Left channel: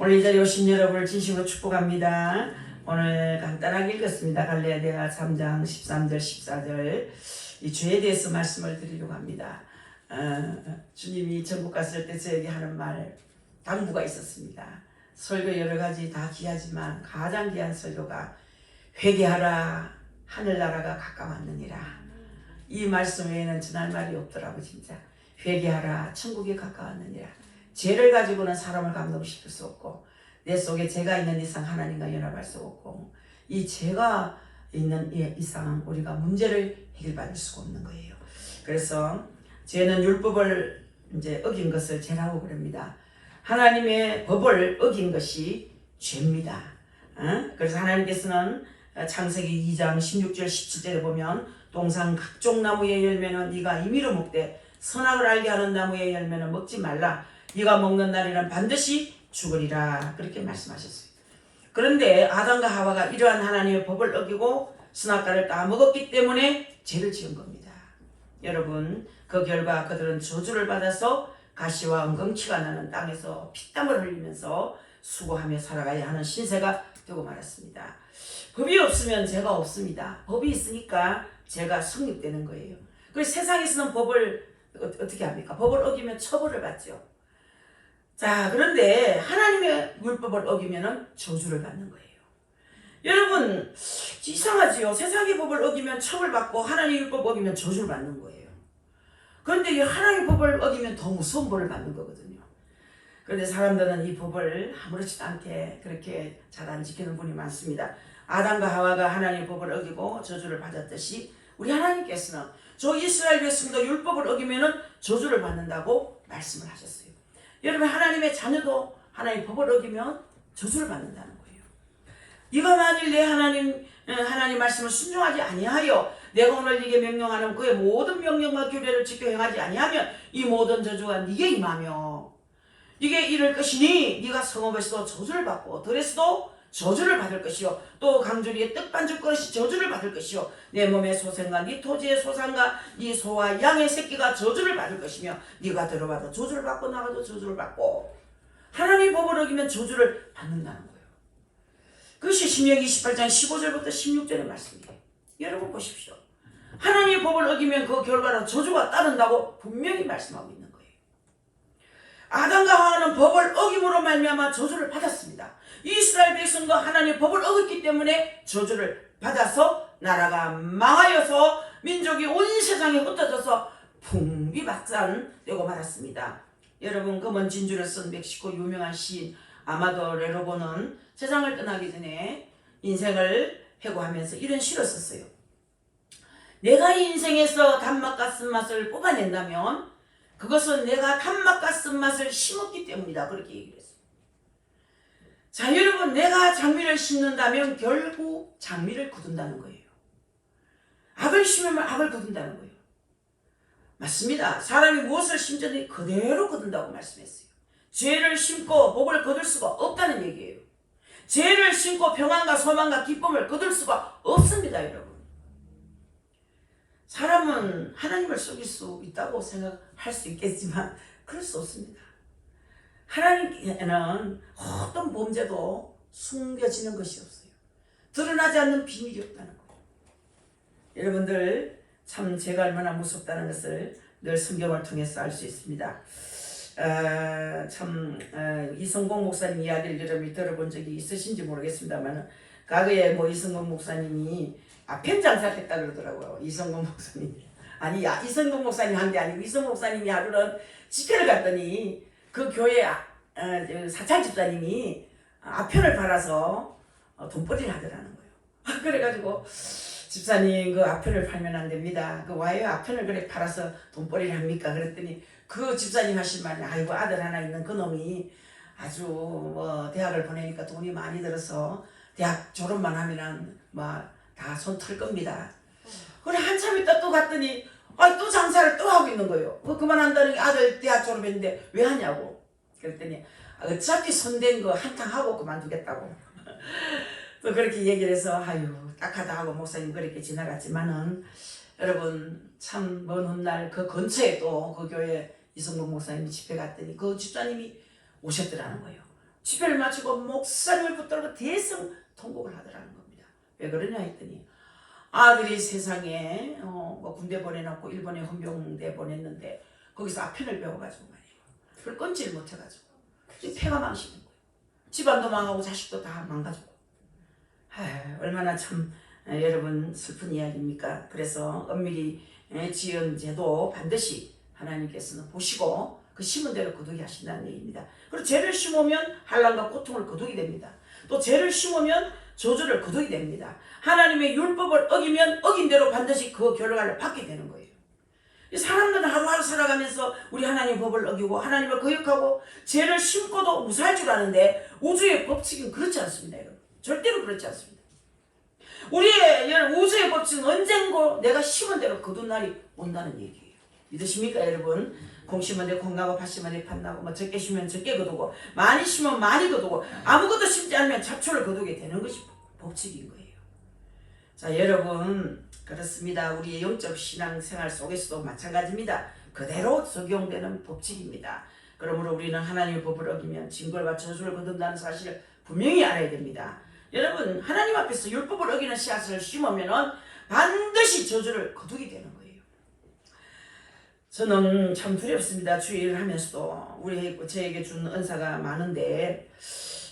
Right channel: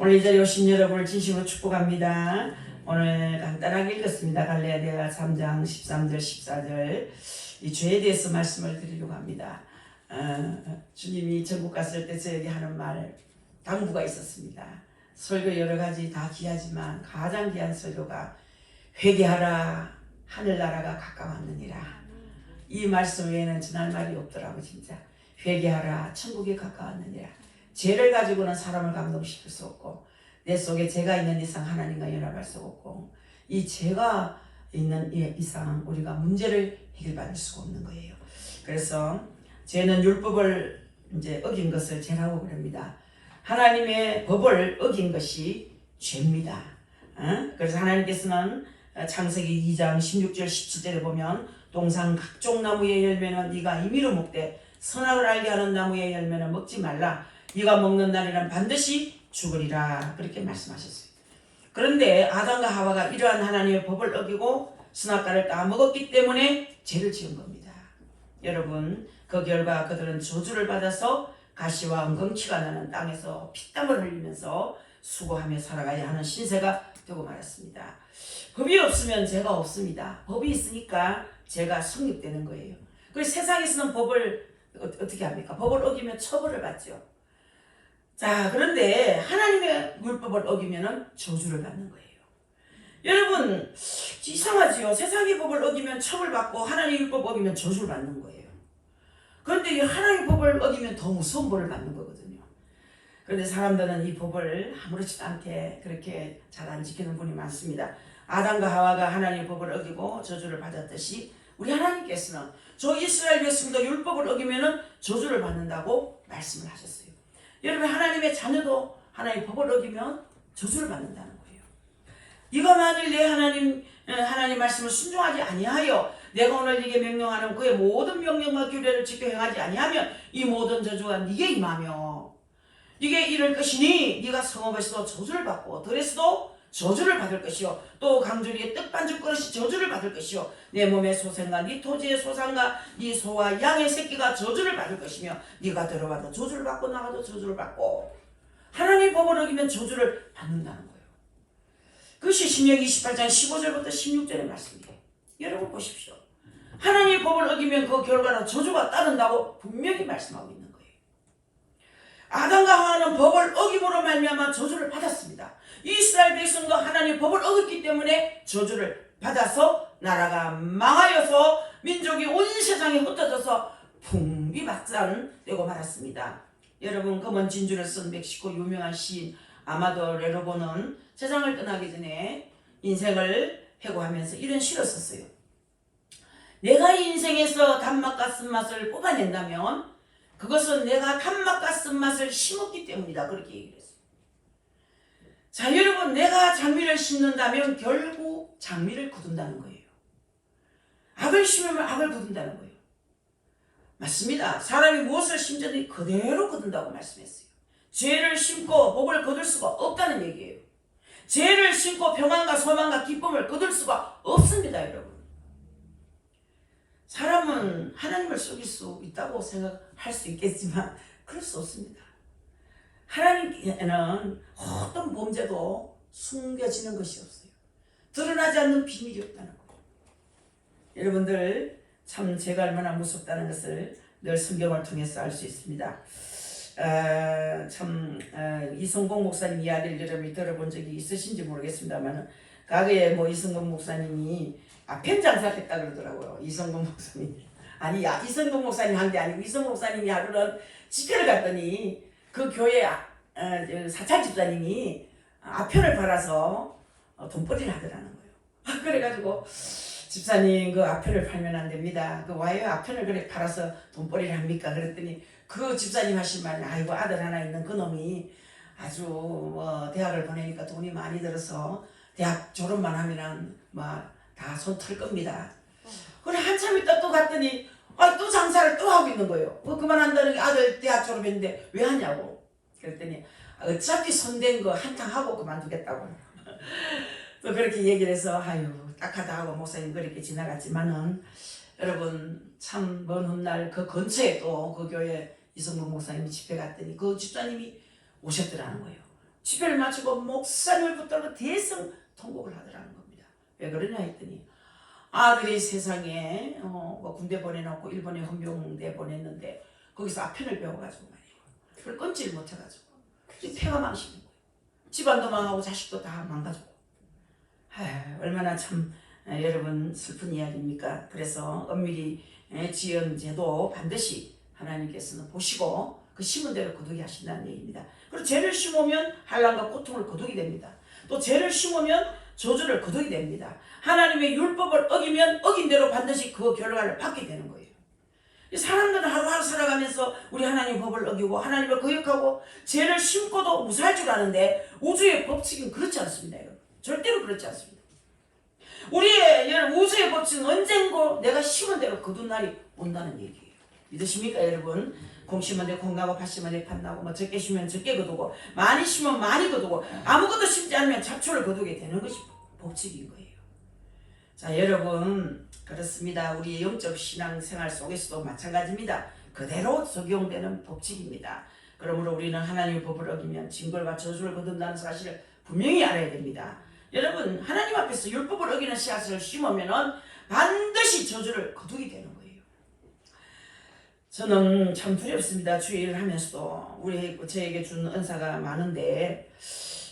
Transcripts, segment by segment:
오늘 이 자리에 오신 여러분을 진심으로 축복합니다. 오늘 간단하게 읽었습니다. 갈라디아 3장 13절 14절 이 주에 대해서 말씀을 드리려고 합니다. 주님이 전국 갔을 때 저에게 하는 말 당부가 있었습니다. 설교 여러 가지 다 귀하지만 가장 귀한 설교가 회개하라 하늘나라가 가까웠느니라. 이 말씀 외에는 전할 말이 없더라고. 진짜 회개하라 천국이 가까웠느니라. 죄를 가지고는 사람을 감동시킬 수 없고 내 속에 죄가 있는 이상 하나님과 연합할 수 없고 이 죄가 있는 이상 우리가 문제를 해결받을 수가 없는 거예요. 그래서 죄는 율법을 이제 어긴 것을 죄라고 그럽니다. 하나님의 법을 어긴 것이 죄입니다. 그래서 하나님께서는 창세기 2장 16절 17절에 보면 동산 각종 나무의 열매는 네가 임의로 먹되 선악을 알게 하는 나무의 열매는 먹지 말라. 네가 먹는 날에는 반드시 죽으리라. 그렇게 말씀하셨어요. 그런데 아담과 하와가 이러한 하나님의 법을 어기고 선악과를 따먹었기 때문에 죄를 지은 겁니다. 여러분, 그 결과 그들은 저주를 받아서 가시와 엉겅퀴가 나는 땅에서 피땀을 흘리면서 수고하며 살아가야 하는 신세가 되고 말았습니다. 법이 없으면 죄가 없습니다. 법이 있으니까 죄가 성립되는 거예요. 그래서 세상에서는 법을 어떻게 합니까? 법을 어기면 처벌을 받죠. 자, 그런데 하나님의 율법을 어기면 저주를 받는 거예요. 여러분, 이상하지요? 세상의 법을 어기면 처벌받고 하나님의 율법 어기면 저주를 받는 거예요. 그런데 하나님의 법을 어기면 더 무서운 벌을 받는 거거든요. 그런데 사람들은 이 법을 아무렇지도 않게 그렇게 잘 안 지키는 분이 많습니다. 아담과 하와가 하나님의 법을 어기고 저주를 받았듯이 우리 하나님께서는 저 이스라엘 백성도 율법을 어기면 저주를 받는다고 말씀을 하셨어요. 여러분, 하나님의 자녀도 하나님의 법을 어기면 저주를 받는다는 거예요. 네가 만일 내 하나님 말씀을 순종하지 아니하여 내가 오늘 네게 명령하는 그의 모든 명령과 규례를 지켜 행하지 아니하면 이 모든 저주가 네게 임하며 네게 이를 것이니 네가 성읍에서도 저주를 받고 들에서도 저주를 받을 것이요 또 강주리의 떡반죽 그릇이 저주를 받을 것이요 내 몸의 소생과 네 토지의 소산과 네 소와 양의 새끼가 저주를 받을 것이며 네가 들어와도 저주를 받고 나가도 저주를 받고 하나님의 법을 어기면 저주를 받는다는 거예요. 그것이 신명기 28장 15절부터 16절의 말씀이에요. 여러분 보십시오. 하나님의 법을 어기면 그 결과로 저주가 따른다고 분명히 말씀하고 있는 거예요. 아담과 하와는 법을 어김으로 말미암아 저주를 받았습니다. 이스라엘 백성도 하나님의 법을 어겼기 때문에 저주를 받아서 나라가 망하여서 민족이 온 세상에 흩어져서 풍비박산되고 말았습니다. 여러분, 검은 진주를 쓴 멕시코 유명한 시인 아마도 레로보는 세상을 떠나기 전에 인생을 회고하면서 이런 시를 썼어요. 내가 이 인생에서 단맛과 쓴맛을 뽑아낸다면 그것은 내가 단맛과 쓴맛을 심었기 때문이다. 그렇게 얘기를 했어요. 자, 여러분, 내가 장미를 심는다면 결국 장미를 거둔다는 거예요. 악을 심으면 악을 거둔다는 거예요. 맞습니다. 사람이 무엇을 심든지 그대로 거둔다고 말씀했어요. 죄를 심고 복을 거둘 수가 없다는 얘기예요. 죄를 심고 평안과 소망과 기쁨을 거둘 수가 없습니다, 여러분. 사람은 하나님을 속일 수 있다고 생각할 수 있겠지만 그럴 수 없습니다. 하나님께는 어떤 범죄도 숨겨지는 것이 없어요. 드러나지 않는 비밀이 없다는 거예요. 여러분들, 참 죄가 얼마나 무섭다는 것을 늘 성경을 통해서 알 수 있습니다. 이성공 목사님 이야기를 여러분이 들어본 적이 있으신지 모르겠습니다만 과거에 이성공 목사님이 펜 장사했다 그러더라고요. 이성공 목사님. 아니, 이성공 목사님 한 게 아니고 이성공 목사님이 하루는 집회를 갔더니 그 교회 사찰 집사님이 아편을 팔아서 돈벌이를 하더라는 거예요. 그래가지고 집사님, 그 아편을 팔면 안 됩니다. 그 와요 아편을 그래 팔아서 돈벌이를 합니까? 그랬더니 그 집사님 하신 말이 아이고, 아들 하나 있는 그 놈이 아주 대학을 보내니까 돈이 많이 들어서 대학 졸업만 하면은 다 손 털 겁니다. 그래 한참 있다 또 갔더니 또 장사를 또 하고 있는 거예요. 그만한다는 게 아들 대학 졸업했는데 왜 하냐고. 그랬더니 어차피 손댄 거 한탕 하고 그만두겠다고. 또 그렇게 얘기를 해서 아유 딱하다 하고 목사님 그렇게 지나갔지만은 여러분, 참 먼 훗날 그 근처에 또 그 교회 이성근 목사님이 집회 갔더니 그 집사님이 오셨더라는 거예요. 집회를 마치고 목사님을 붙들고 대성 통곡을 하더라는 겁니다. 왜 그러냐 했더니 아들이 세상에 뭐 군대 보내놓고 일본에 헌병대 보냈는데 거기서 아편을 배워가지고 말이에요. 그걸 끊지를 못해가지고 폐가 망치는 거예요. 집안도 망하고 자식도 다 망가지고. 얼마나 참 여러분 슬픈 이야기입니까? 그래서 엄밀히 지은 죄도 반드시 하나님께서는 보시고 그 심은 대로 거두게 하신다는 얘기입니다. 그리고 죄를 심으면 환난과 고통을 거두게 됩니다. 또 죄를 심으면 저주를 거두게 됩니다. 하나님의 율법을 어기면 어긴 대로 반드시 그 결과를 받게 되는 거예요. 사람들은 하루하루 살아가면서 우리 하나님 법을 어기고 하나님을 거역하고 죄를 심고도 무사할 줄 아는데 우주의 법칙은 그렇지 않습니다. 여러분. 절대로 그렇지 않습니다. 우리의 우주의 법칙은 언젠고 내가 심은 대로 거둔 날이 온다는 얘기예요. 믿으십니까 여러분? 공 심은 데 공 나고 밭 심은 데 밭 나고 뭐 적게 심으면 적게 거두고 많이 심으면 많이 거두고 아무것도 심지 않으면 잡초를 거두게 되는 것이 법칙인 거예요. 자 여러분 그렇습니다. 우리의 영적 신앙생활 속에서도 마찬가지입니다. 그대로 적용되는 법칙입니다. 그러므로 우리는 하나님의 법을 어기면 징벌과 저주를 거둔다는 사실을 분명히 알아야 됩니다. 여러분 하나님 앞에서 율법을 어기는 씨앗을 심으면 반드시 저주를 거두게 되는 거예요. 저는 참 두렵습니다. 주일을 하면서도 저에게 준 은사가 많은데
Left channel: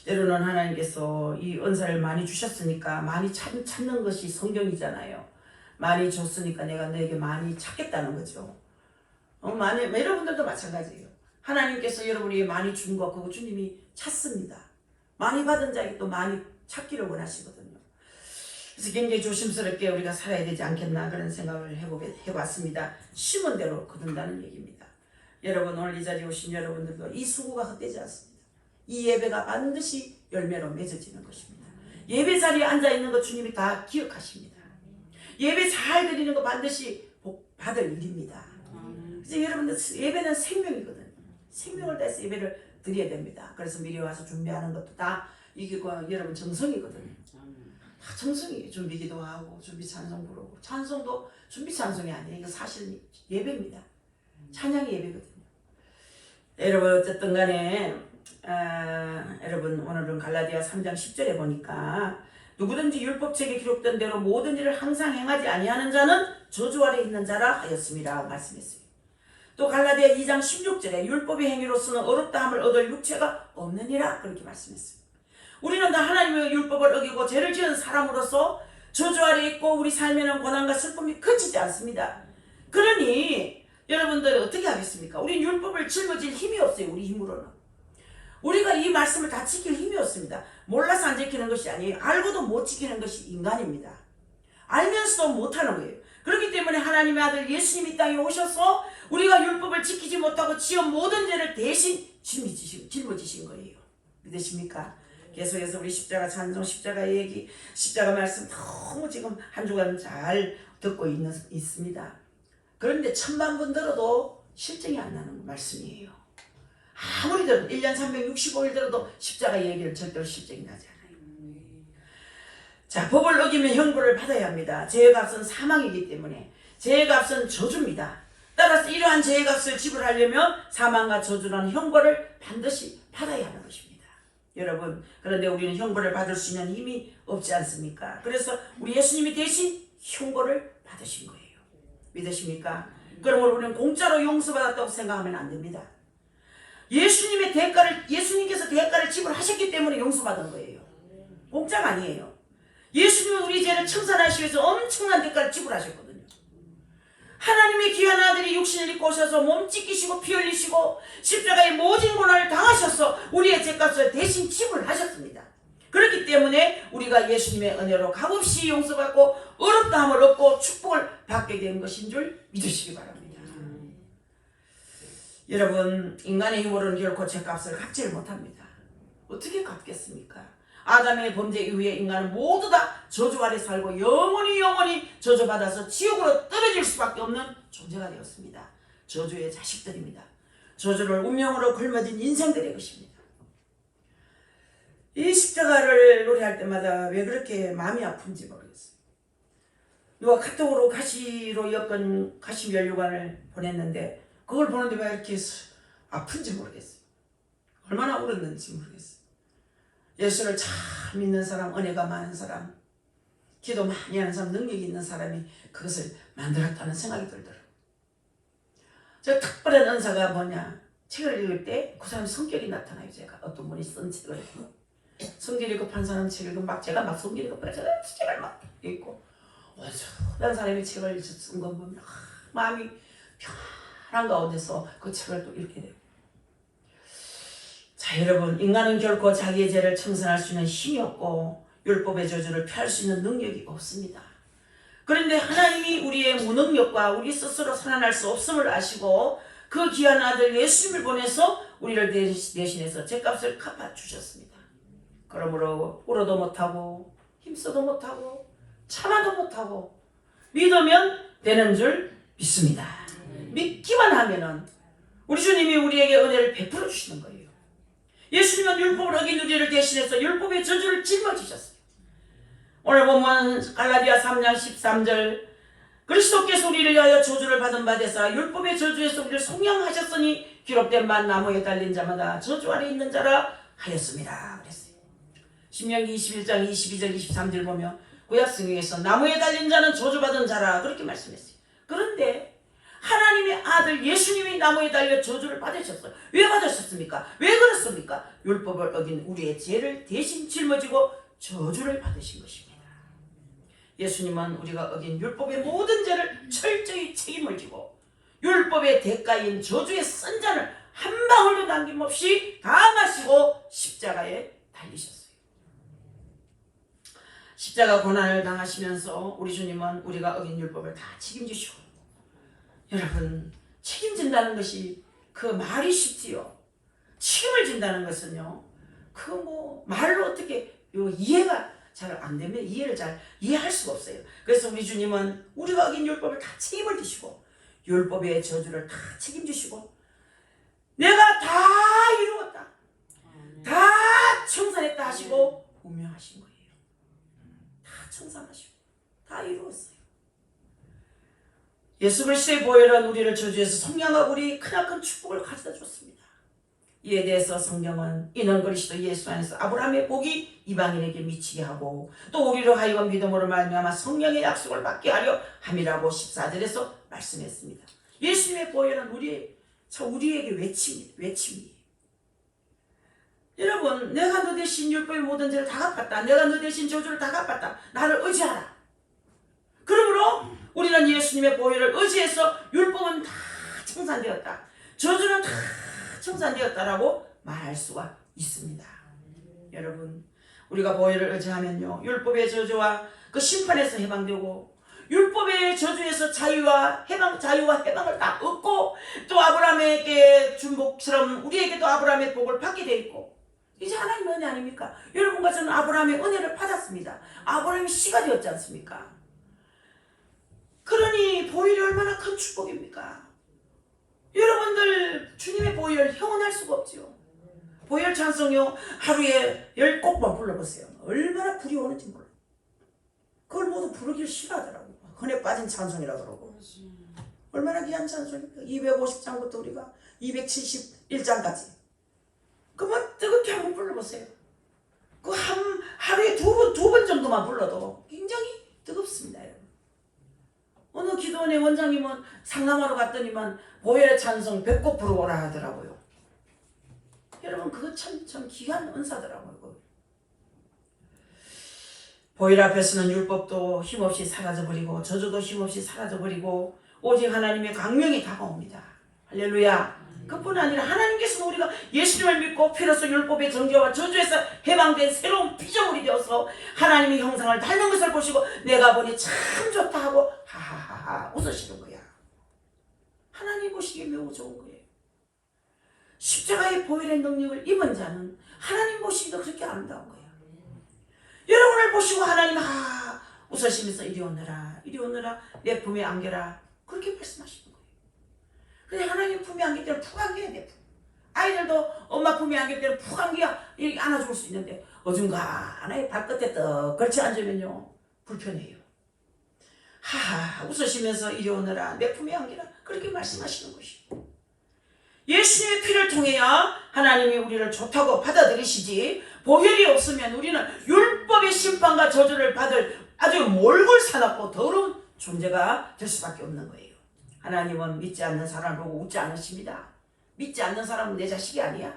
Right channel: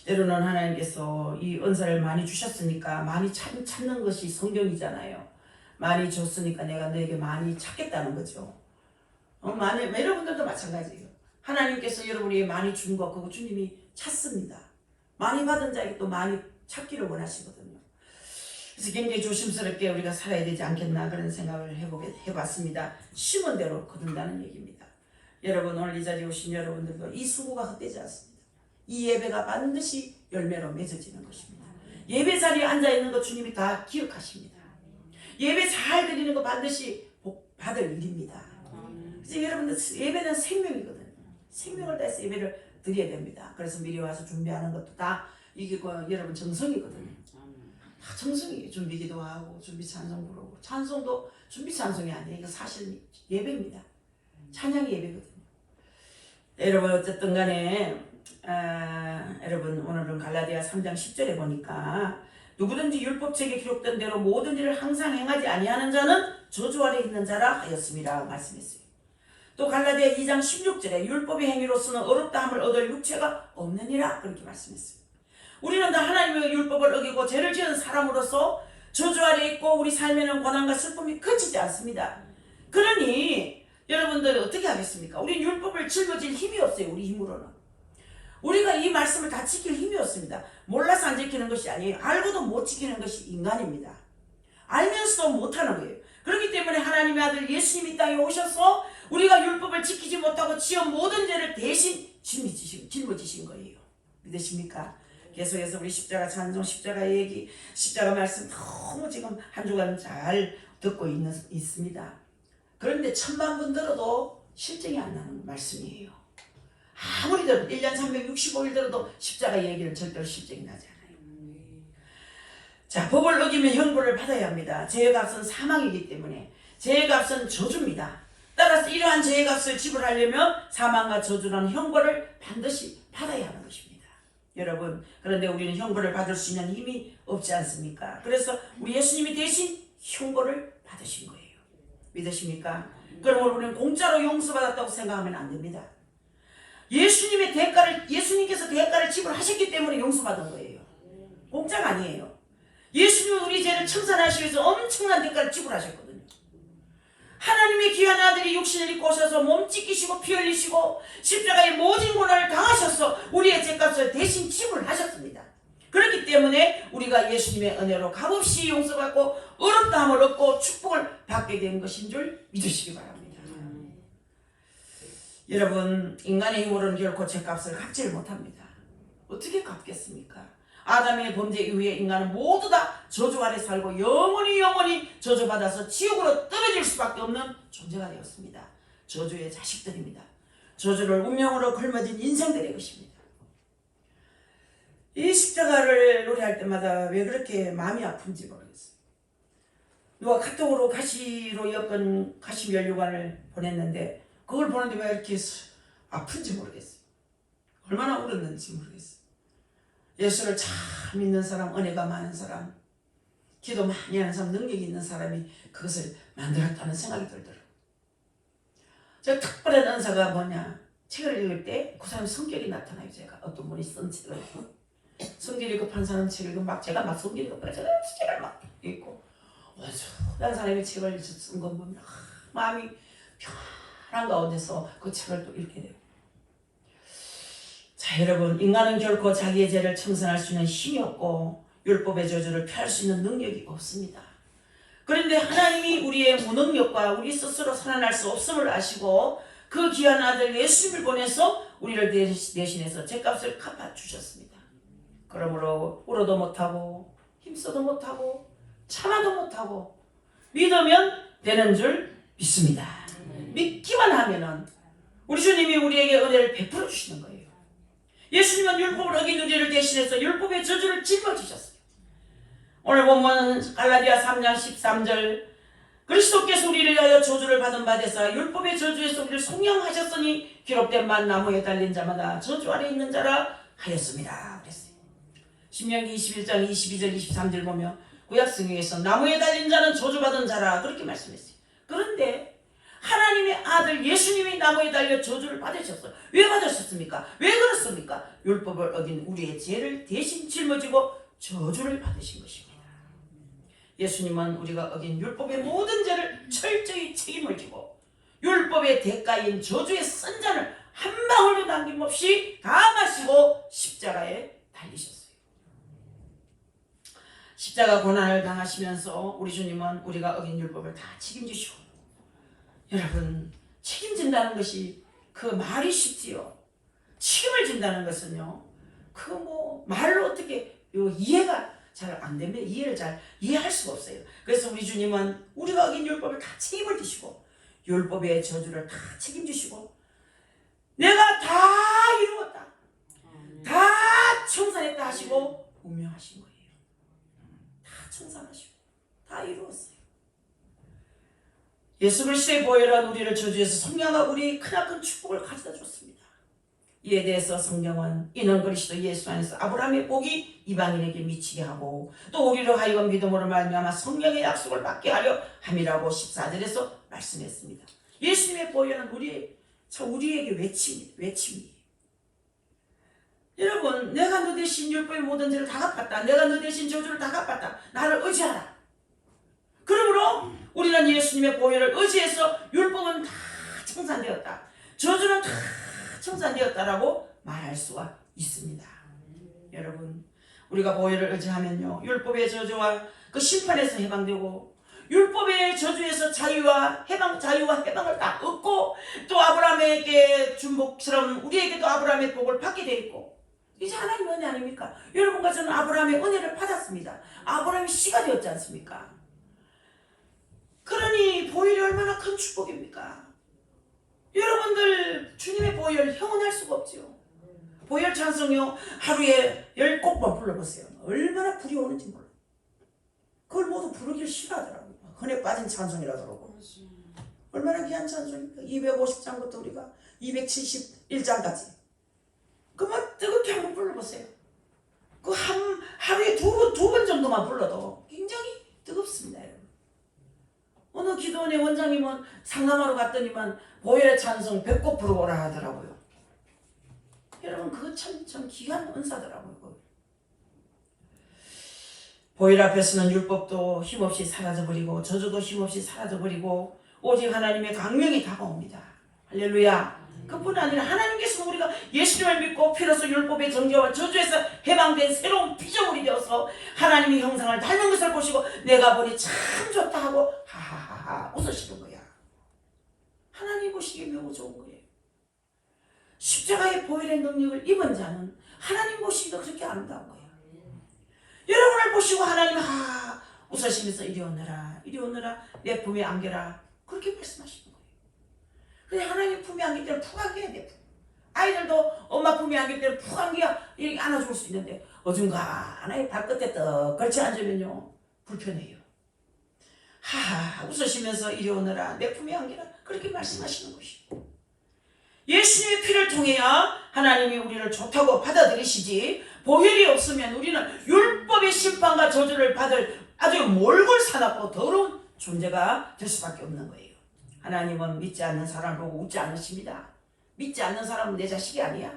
때로는 하나님께서 이 은사를 많이 주셨으니까 많이 찾는 것이 성경이잖아요. 많이 줬으니까 내가 너에게 많이 찾겠다는 거죠. 여러분들도 마찬가지예요. 하나님께서 여러분에게 많이 준 거 그거 주님이 찾습니다. 많이 받은 자에게 또 많이 찾기를 원하시거든요. 그래서 굉장히 조심스럽게 우리가 살아야 되지 않겠나 그런 생각을 해봤습니다. 심은 대로 거둔다는 얘기입니다. 여러분 오늘 이 자리에 오신 여러분들도 이 수고가 헛되지 않습니다. 이 예배가 반드시 열매로 맺어지는 것입니다. 예배 자리에 앉아있는 것 주님이 다 기억하십니다. 예배 잘 드리는 거 반드시 복 받을 일입니다. 그래서 여러분들 예배는 생명이거든요. 생명을 다해서 예배를 드려야 됩니다. 그래서 미리 와서 준비하는 것도 다 이게 여러분 정성이거든요. 다 정성이에요. 준비기도 하고 준비 찬송 부르고 찬송도 준비 찬송이 아니에요. 이거 사실 예배입니다. 찬양이 예배거든요. 여러분 어쨌든 간에 여러분 오늘은 갈라디아 3장 10절에 보니까 누구든지 율법책에 기록된 대로 모든 일을 항상 행하지 아니하는 자는 저주 아래 있는 자라 하였습니다. 말씀했어요. 또 갈라디아 2장 16절에 율법의 행위로서는 어렵다 함을 얻을 육체가 없느니라 그렇게 말씀했어요. 우리는 다 하나님의 율법을 어기고 죄를 지은 사람으로서 저주 아래 있고 우리 삶에는 고난과 슬픔이 그치지 않습니다. 그러니 여러분들 어떻게 하겠습니까? 우리 율법을 짊어질 힘이 없어요. 우리 힘으로는. 우리가 이 말씀을 다 지킬 힘이 없습니다. 몰라서 안 지키는 것이 아니에요. 알고도 못 지키는 것이 인간입니다. 알면서도 못하는 거예요. 그렇기 때문에 하나님의 아들 예수님이 땅에 오셔서 우리가 율법을 지키지 못하고 지은 모든 죄를 대신 짊어지신 거예요. 믿으십니까? 계속해서 우리 십자가 찬송, 십자가 얘기, 십자가 말씀 너무 지금 한 주간 잘 듣고 있습니다. 그런데 천만 번 들어도 실증이 안 나는 말씀이에요. 아무리 들어도 1년 365일 들어도 십자가 얘기를 절대로 실증이 나지 않아요. 자, 법을 어기면 형벌을 받아야 합니다. 죄의 값은 사망이기 때문에 죄의 값은 저주입니다. 따라서 이러한 죄의 값을 지불하려면 사망과 저주라는 형벌을 반드시 받아야 하는 것입니다. 여러분 그런데 우리는 형벌을 받을 수 있는 힘이 없지 않습니까? 그래서 우리 예수님이 대신 형벌을 받으신 거예요. 믿으십니까? 그러므로 우리는 공짜로 용서받았다고 생각하면 안 됩니다. 예수님께서 대가를 지불하셨기 때문에 용서받은 거예요. 공짜가 아니에요. 예수님은 우리 죄를 청산하시기 위해서 엄청난 대가를 지불하셨거든요. 하나님의 귀한 아들이 육신을 입고 오셔서 몸 찢기시고 피 흘리시고 십자가의 모진 고난을 당하셔서 우리의 죄값을 대신 지불하셨습니다. 그렇기 때문에 우리가 예수님의 은혜로 값없이 용서받고 어렵다함을 얻고 축복을 받게 된 것인 줄 믿으시기 바랍니다. 여러분 인간의 힘으로는 결코 죄값을 갚지를 못합니다. 어떻게 갚겠습니까? 아담의 범죄 이후에 인간은 모두 다 저주 아래 살고 영원히 저주받아서 지옥으로 떨어질 수밖에 없는 존재가 되었습니다. 저주의 자식들입니다. 저주를 운명으로 걸머진 인생들의 것입니다. 이 십자가를 노래할 때마다 왜 그렇게 마음이 아픈지 모르겠어요. 누가 카톡으로 가시로 엮은 가시 면류관을 보냈는데 그걸 보는데 왜 이렇게 아픈지 모르겠어요. 얼마나 울었는지 모르겠어요. 예수를 잘 믿는 사람, 은혜가 많은 사람, 기도 많이 하는 사람, 능력이 있는 사람이 그것을 만들었다는 생각이 들더라고요. 저 특별한 은사가 뭐냐, 책을 읽을 때 그 사람 성격이 나타나요. 제가 어떤 분이 쓴 책을 성질이 급한 사람 책 읽으면 막 제가 막 성질이 급한 제가 책을 막 읽고 어떤 사람이 책을 쓴 거 보면 마음이 편한 가운데서 그 책을 또 읽게 돼요. 자, 여러분, 인간은 결코 자기의 죄를 청산할 수 있는 힘이 없고 율법의 저주를 피할 수 있는 능력이 없습니다. 그런데 하나님이 우리의 무능력과 우리 스스로 살아날 수 없음을 아시고 그 귀한 아들 예수님을 보내서 우리를 대신해서 죄값을 갚아주셨습니다. 그러므로 울어도 못하고 힘써도 못하고 참아도 못하고 믿으면 되는 줄 믿습니다. 믿기만 하면은 우리 주님이 우리에게 은혜를 베풀어 주시는 거예요. 예수님은 율법을 어긴 우리를 대신해서 율법의 저주를 짊어지셨어요. 오늘 보면 갈라디아 3장 13절 그리스도께서 우리를 위하여 저주를 받은 바 되사 율법의 저주에서 우리를 속량하셨으니 기록된 바 나무에 달린 자마다 저주 아래 있는 자라 하였습니다. 그랬어요. 신명기 21장 22절 23절 보면 구약성경에서 나무에 달린 자는 저주받은 자라 그렇게 말씀했어요. 그런데 하나님의 아들 예수님이 나무에 달려 저주를 받으셨어요. 왜 받으셨습니까? 왜 그렇습니까? 율법을 어긴 우리의 죄를 대신 짊어지고 저주를 받으신 것입니다. 예수님은 우리가 어긴 율법의 모든 죄를 철저히 책임을 지고 율법의 대가인 저주의 쓴 잔을 한 방울도 남김없이 다 마시고 십자가에 달리셨어요. 십자가 고난을 당하시면서 우리 주님은 우리가 어긴 율법을 다 책임지시고, 여러분, 책임진다는 것이 그 말이 쉽지요. 책임을 진다는 것은요, 그 말로 어떻게 이해가 잘 안 되면 이해를 잘 이해할 수가 없어요. 그래서 우리 주님은 우리가 어긴 율법을 다 책임을 지시고 율법의 저주를 다 책임지시고 내가 다 이루었다, 다 청산했다 하시고 분명하신 거예요. 다 청산하시고 다 이루었어요. 예수 그리스도의 보혈은 우리를 저주에서 속량하고 우리 크나큰 축복을 가져다 줬습니다. 이에 대해서 성경은 이는 그리스도 예수 안에서 아브라함의 복이 이방인에게 미치게 하고 또 우리로 하여금 믿음으로 말미암아 성령의 약속을 받게 하려 함이라고 14절에서 말씀했습니다. 예수님의 보혈은 우리에게 외침이에요. 여러분, 내가 너 대신 율법의 모든 죄를 다 갚았다. 내가 너 대신 저주를 다 갚았다. 나를 의지하라. 그러므로 우리는 예수님의 보혈을 의지해서 율법은 다 청산되었다, 저주는 다 청산되었다라고 말할 수가 있습니다. 여러분, 우리가 보혈을 의지하면요, 율법의 저주와 그 심판에서 해방되고 율법의 저주에서 자유와 해방을 다 얻고 또 아브라함에게 준 복처럼 우리에게도 아브라함의 복을 받게 돼 있고, 이제 하나님의 은혜 아닙니까? 여러분과 저는 아브라함의 은혜를 받았습니다. 아브라함이 씨가 되었지 않습니까? 그러니 보혈이 얼마나 큰 축복입니까? 여러분들 주님의 보혈 형언할 수가 없지요. 보혈 찬송요 하루에 10곡만 불러보세요. 얼마나 불이 오는지 몰라요. 그걸 모두 부르기를 싫어하더라고요. 흔해 빠진 찬송이라 그러고. 얼마나 귀한 찬송입니까? 250장부터 우리가 271장까지. 그만 뜨겁게 한번 불러보세요. 그 하루에 두 번 정도만 불러도 굉장히 뜨겁습니다. 여러분. 어느 기도원의 원장님은 상담하러 갔더니만 보혈의 찬송 100곡 부르고라 하더라고요. 여러분, 그거 참 귀한 은사더라고요. 보혈 앞에서는 율법도 힘없이 사라져버리고 저주도 힘없이 사라져버리고 오직 하나님의 강령이 다가옵니다. 할렐루야. 그뿐 아니라 하나님께서는 우리가 예수님을 믿고 피로써 율법의 정죄와 저주에서 해방된 새로운 피조물이 되어서 하나님의 형상을 닮은 것을 보시고 내가 보니 참 좋다 하고 하하하하 웃으시는 거야. 하나님 보시기에 매우 좋은 거예요. 십자가의 보혈의 능력을 입은 자는 하나님 보시기도 그렇게 아름다운 거예요. 여러분을 보시고 하나님 웃으시면서 이리 오너라 내 품에 안겨라 그렇게 말씀하시는 거예요. 근데 하나님 품에 안길 때는 푹 안겨야 돼. 아이들도 엄마 품에 안길 때는 푹 안겨야 이렇게 안아줄 수 있는데 어중간하게 발끝에 떡 걸쳐 앉으면요 불편해요. 웃으시면서 이리 오너라 내 품에 안겨라 그렇게 말씀하시는 것이에요. 예수님의 피를 통해야 하나님이 우리를 좋다고 받아들이시지 보혈이 없으면 우리는 율법의 심판과 저주를 받을 아주 몰골사납고 더러운 존재가 될 수밖에 없는 거예요. 하나님은 믿지 않는 사람을 보고 웃지 않으십니다. 믿지 않는 사람은 내 자식이 아니야.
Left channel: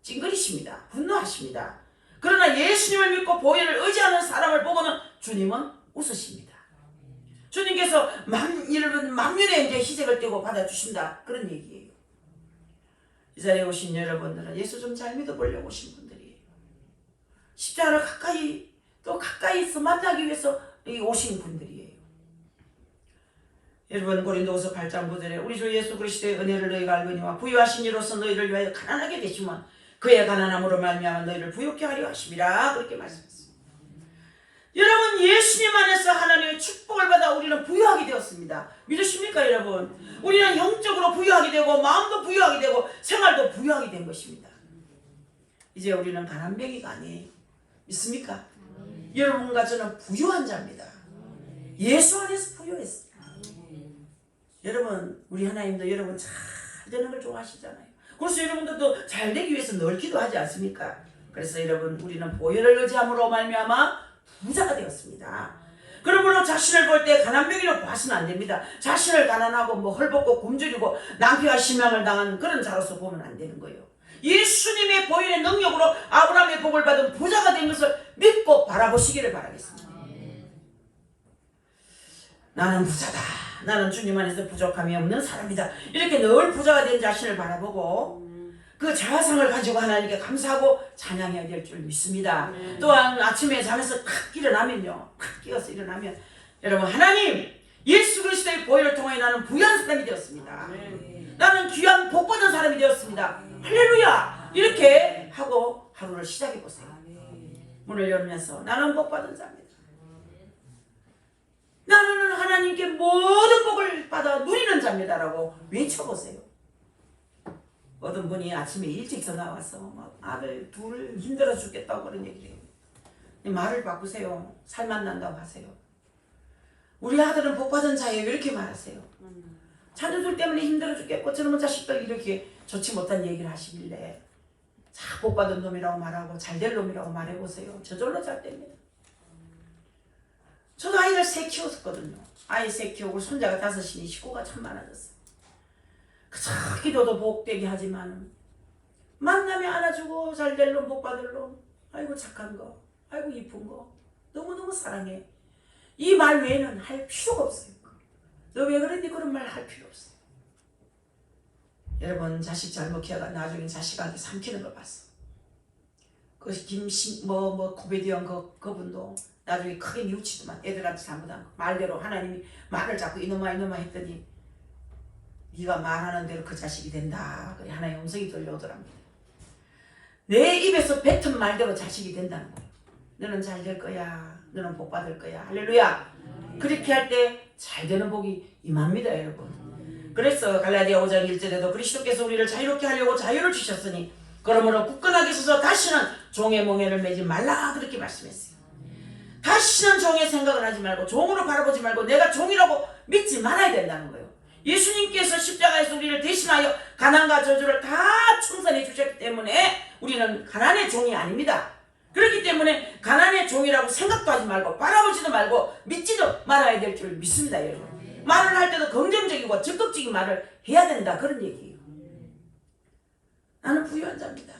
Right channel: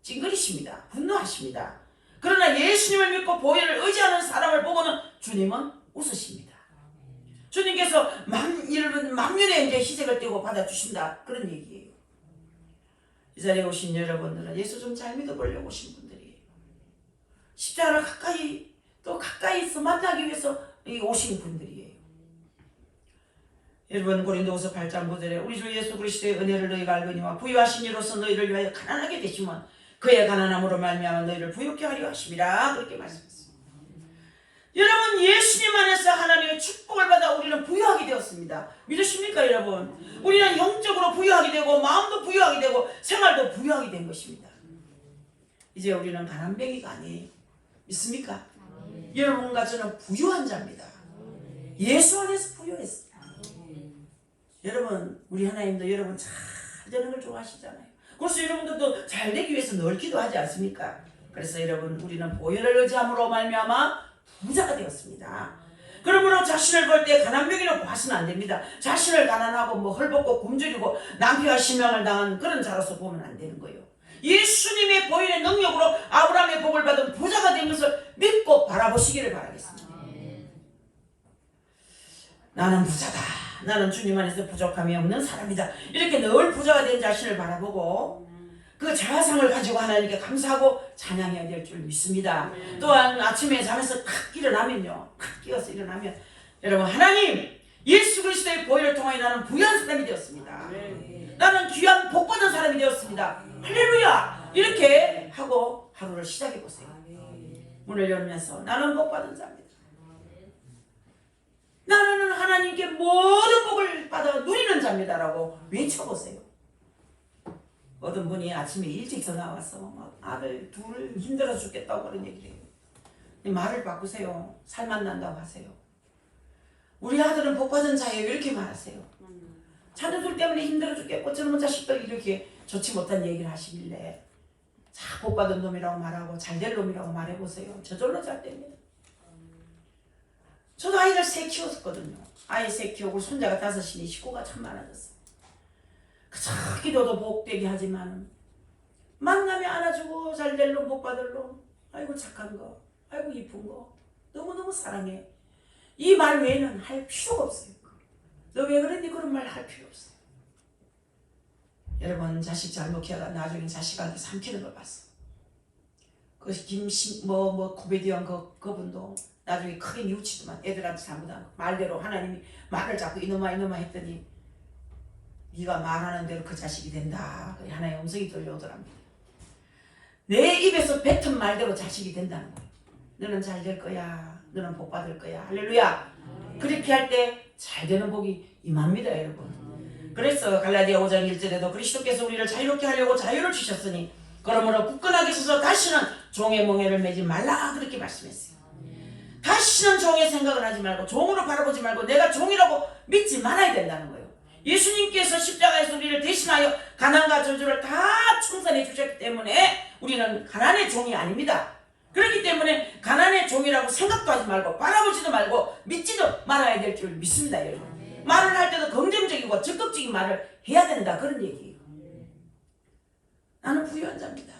징그리십니다. 분노하십니다. 그러나 예수님을 믿고 보혈을 의지하는 사람을 보고는 주님은 웃으십니다. 주님께서 만민의 이제 희생을 떼고 받아주신다. 그런 얘기예요. 이 자리에 오신 여러분들은 예수 좀 잘 믿어보려고 오신 분들이에요. 십자가를 가까이서 만나기 위해서 오신 분들이에요. 여러분 고린도후서 8장 9절에 우리 주 예수 그리스도의 은혜를 너희가 알거니와 부유하신 이로서 너희를 위하여 가난하게 되시면 그의 가난함으로 말미암아 너희를 부유케 하려 하심이라 그렇게 말씀했습니다. 여러분 예수님 안에서 하나님의 축복을 받아 우리는 부유하게 되었습니다. 믿으십니까 여러분? 우리는 영적으로 부유하게 되고 마음도 부유하게 되고 생활도 부유하게 된 것입니다. 이제 우리는 가난뱅이가 아니에요. 믿습니까? 여러분과 저는 부유한 자입니다. 예수 안에서 부유했어요. 여러분 우리 하나님도 여러분 잘 되는 걸 좋아하시잖아요. 그래서 여러분들도 잘 되기 위해서 늘 기도하지 않습니까? 그래서 여러분 우리는 보혈을 의지함으로 말미암아 부자가 되었습니다. 그러므로 자신을 볼 때 가난뱅이로 봐서는 안 됩니다. 자신을 가난하고 헐벗고 굶주리고 낭패와 실망을 당한 그런 자로서 보면 안 되는 거예요. 예수님의 보혈의 능력으로 아브라함의 복을 받은 부자가 된 것을 믿고 바라보시기를 바라겠습니다. 나는 부자다. 나는 주님 안에서 부족함이 없는 사람이다. 이렇게 늘 부자가 된 자신을 바라보고 그 자아상을 가지고 하나님께 감사하고 찬양해야 될 줄 믿습니다. 또한 아침에 잠에서 탁 일어나면요. 탁 깨어서 일어나면 여러분 하나님 예수 그리스도의 보혈을 통하여 나는 부유한 사람이 되었습니다. 나는 귀한 복받은 사람이 되었습니다. 할렐루야. 이렇게 하고 하루를 시작해 보세요. 문을 열면서 나는 복받은 자입니다. 나는 하나님께 모든 복을 받아 누리는 자입니다라고 외쳐보세요. 어떤 분이 아침에 일찍 전화 와서 아들 둘 힘들어 죽겠다고 그런 얘기를 해요. 말을 바꾸세요. 살만 난다고 하세요. 우리 아들은 복받은 자예요. 이렇게 말하세요. 자녀들 때문에 힘들어 죽겠고 저놈의 자식들 이렇게 좋지 못한 얘기를 하시길래 자 복받은 놈이라고 말하고 잘될 놈이라고 말해보세요. 저절로 잘 됩니다. 저도 아이를 3 키웠었거든요. 아이 3 키우고 손자가 5이니 식구가 참 많아졌어요. 그저 기도도 복되게 하지만 만나면 안아주고 잘될 놈 복받을 놈 아이고 착한 거 아이고 이쁜 거 너무너무 사랑해 이 말 외에는 할 필요가 없어요. 너 왜 그랬니? 그런 말 할 필요 없어요. 여러분 자식 잘못 키워가 나중에 자식한테 삼키는 걸 봤어. 그 코미디언 그분도 나중에 크게 뉘우치더만 애들한테 잘못한 거 말대로 하나님이 말을 자꾸 이놈아 했더니 네가 말하는 대로 그 자식이 된다. 하나의 음성이 들려오더랍니다. 내 입에서 뱉은 말대로 자식이 된다는 거예요. 너는 잘 될 거야. 너는 복 받을 거야. 할렐루야. 그렇게 할 때 잘 되는 복이 임합니다 여러분. 그래서 갈라디아 5장 1절에도 그리스도께서 우리를 자유롭게 하려고 자유를 주셨으니 그러므로 굳건하게 서서 다시는 종의 멍에를 매지 말라 그렇게 말씀했어요. 다시는 종의 생각을 하지 말고 종으로 바라보지 말고 내가 종이라고 믿지 말아야 된다는 거예요. 예수님께서 십자가에서 우리를 대신하여 가난과 저주를 다 청산해 주셨기 때문에 우리는 가난의 종이 아닙니다. 그렇기 때문에 가난의 종이라고 생각도 하지 말고 바라보지도 말고 믿지도 말아야 될 줄 믿습니다 여러분. 말을 할 때도 긍정적이고 적극적인 말을 해야 된다 그런 얘기예요. 나는 부유한 자입니다.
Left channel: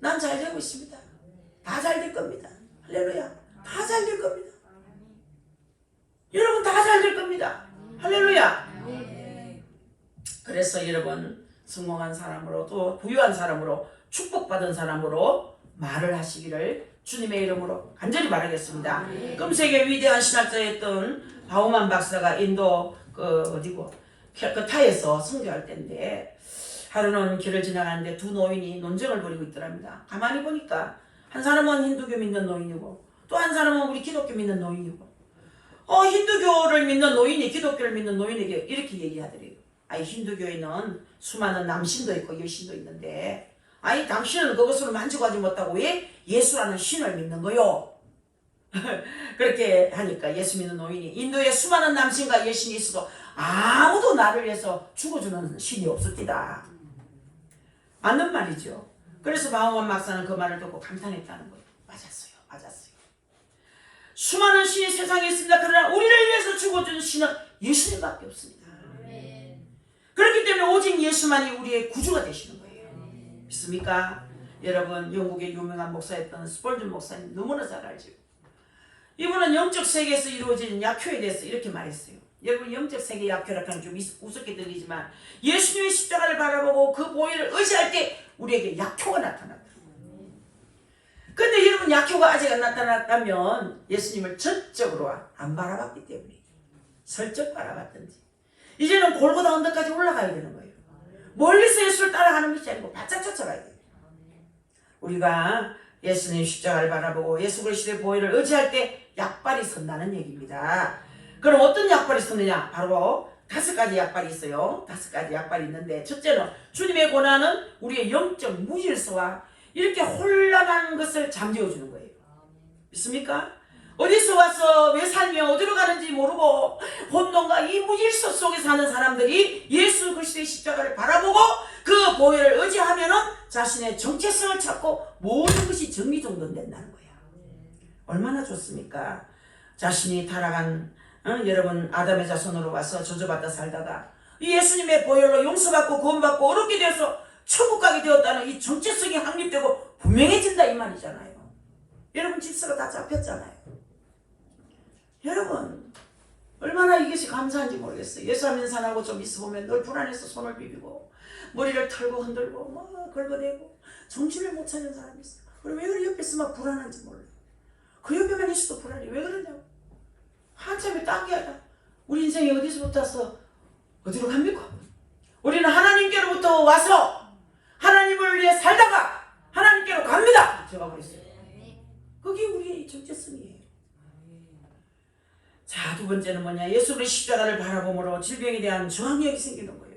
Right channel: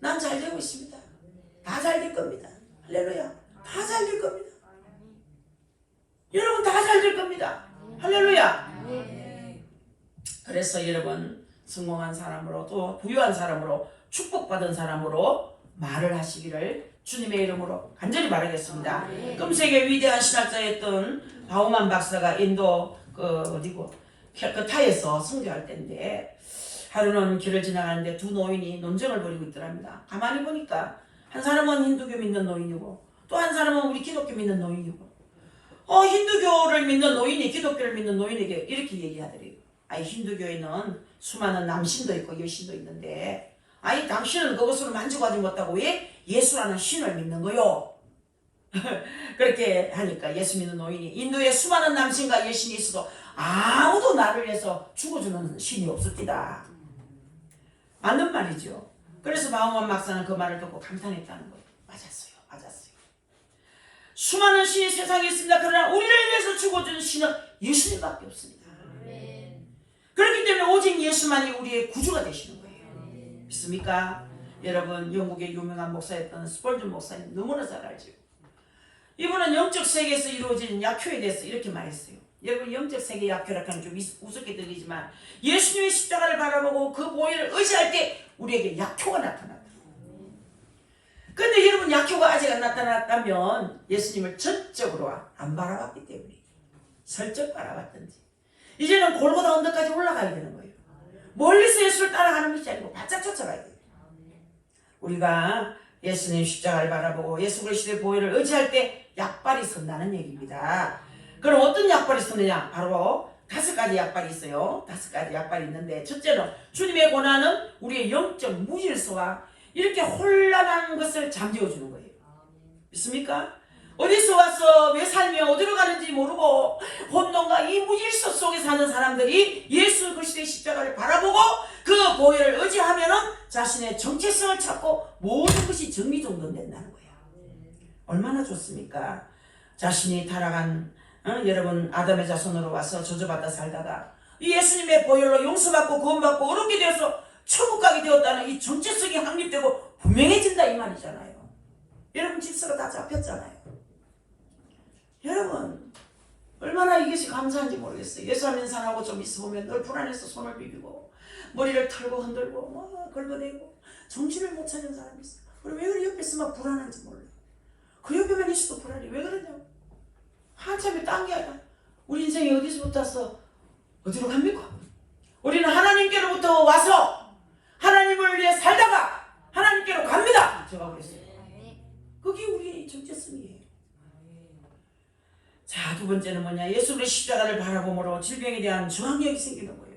난 잘 되고 있습니다. 다 잘 될 겁니다. 할렐루야. 다 잘 될 겁니다. 여러분 다 잘 될 겁니다. 할렐루야. 그래서 여러분 성공한 사람으로 또 부유한 사람으로 축복받은 사람으로 말을 하시기를 주님의 이름으로 간절히 바라겠습니다. 금세계 위대한 신학자였던 바우만 박사가 인도 캘커타에서 선교할 때인데 하루는 길을 지나가는데 2 노인이 논쟁을 벌이고 있더랍니다. 가만히 보니까 한 사람은 힌두교 믿는 노인이고 또 한 사람은 우리 기독교 믿는 노인이고 힌두교를 믿는 노인이 기독교를 믿는 노인에게 이렇게 얘기하더래요. 힌두교에는 수많은 남신도 있고 여신도 있는데 당신은 그것으로 만족하지 못하고 왜 예수라는 신을 믿는 거요? 그렇게 하니까 예수 믿는 노인이 인도에 수많은 남신과 여신이 있어도 아무도 나를 위해서 죽어주는 신이 없었디다. 맞는 말이죠. 그래서 바우만 박사는 그 말을 듣고 감탄했다는 거예요. 수많은 신이 세상에 있습니다. 그러나 우리를 위해서 죽어준 신은 예수님밖에 없습니다. 그렇기 때문에 오직 예수만이 우리의 구주가 되시는 거예요. 믿습니까? 여러분, 영국의 유명한 목사였던 스폴전 목사님 너무나 잘 알죠. 이분은 영적 세계에서 이루어진 약효에 대해서 이렇게 말했어요. 여러분, 영적 세계 약효라고 하면 좀 우습게 들리지만 예수님의 십자가를 바라보고 그 보혈을 의지할 때 우리에게 약효가 나타났다. 근데 여러분, 약효가 아직 안 나타났다면 예수님을 전적으로 안 바라봤기 때문에 슬쩍 바라봤든지 이제는 골고다 언덕까지 올라가야 되는 거예요. 멀리서 예수를 따라가는 것이 아니고 바짝 쫓아가야 돼요. 우리가 예수님 십자가를 바라보고 예수 그리스도의 보혈을 의지할 때 약발이 선다는 얘기입니다. 그럼 어떤 약발이 섰느냐? 바로 5가지 약발이 있어요. 5가지 약발이 있는데, 첫째는 주님의 고난은 우리의 영적 무질서와 이렇게 혼란한 것을 잠재워주는 거예요. 믿습니까? 어디서 와서 왜 살며 어디로 가는지 모르고 혼돈과 이 무질서 속에 사는 사람들이 예수 그리스도의 십자가를 바라보고 그 보혈을 의지하면은 자신의 정체성을 찾고 모든 것이 정리정돈된다는 거예요. 얼마나 좋습니까? 자신이 타락한 여러분 아담의 자손으로 와서 저주받아 살다가 이 예수님의 보혈로 용서받고 구원받고 어렵게 되어서 천국 가게 되었다는 이 정체성이 확립되고 분명해진다 이 말이잖아요. 여러분 질서가 다 잡혔잖아요. 여러분 얼마나 이것이 감사한지 모르겠어요. 예수 안 믿는 사람하고 좀 있어보면 늘 불안해서 손을 비비고 머리를 털고 흔들고 긁어대고 정신을 못 차리는 사람이 있어요. 그럼 왜 그래? 옆에 있으면 불안한지 몰라요. 그 옆에만 있어도 불안해. 왜 그러냐고. 한참에 딴 게 아니라 우리 인생이 어디서부터 와서 어디로 갑니까? 우리는 하나님께로부터 와서 하나님을 위해 살다가 하나님께로 갑니다. 제가 그랬어요. 그게 우리의 정체성이에요. 자, 두 번째는 뭐냐? 예수 그리스도의 십자가를 바라봄으로 질병에 대한 저항력이 생기는 거예요.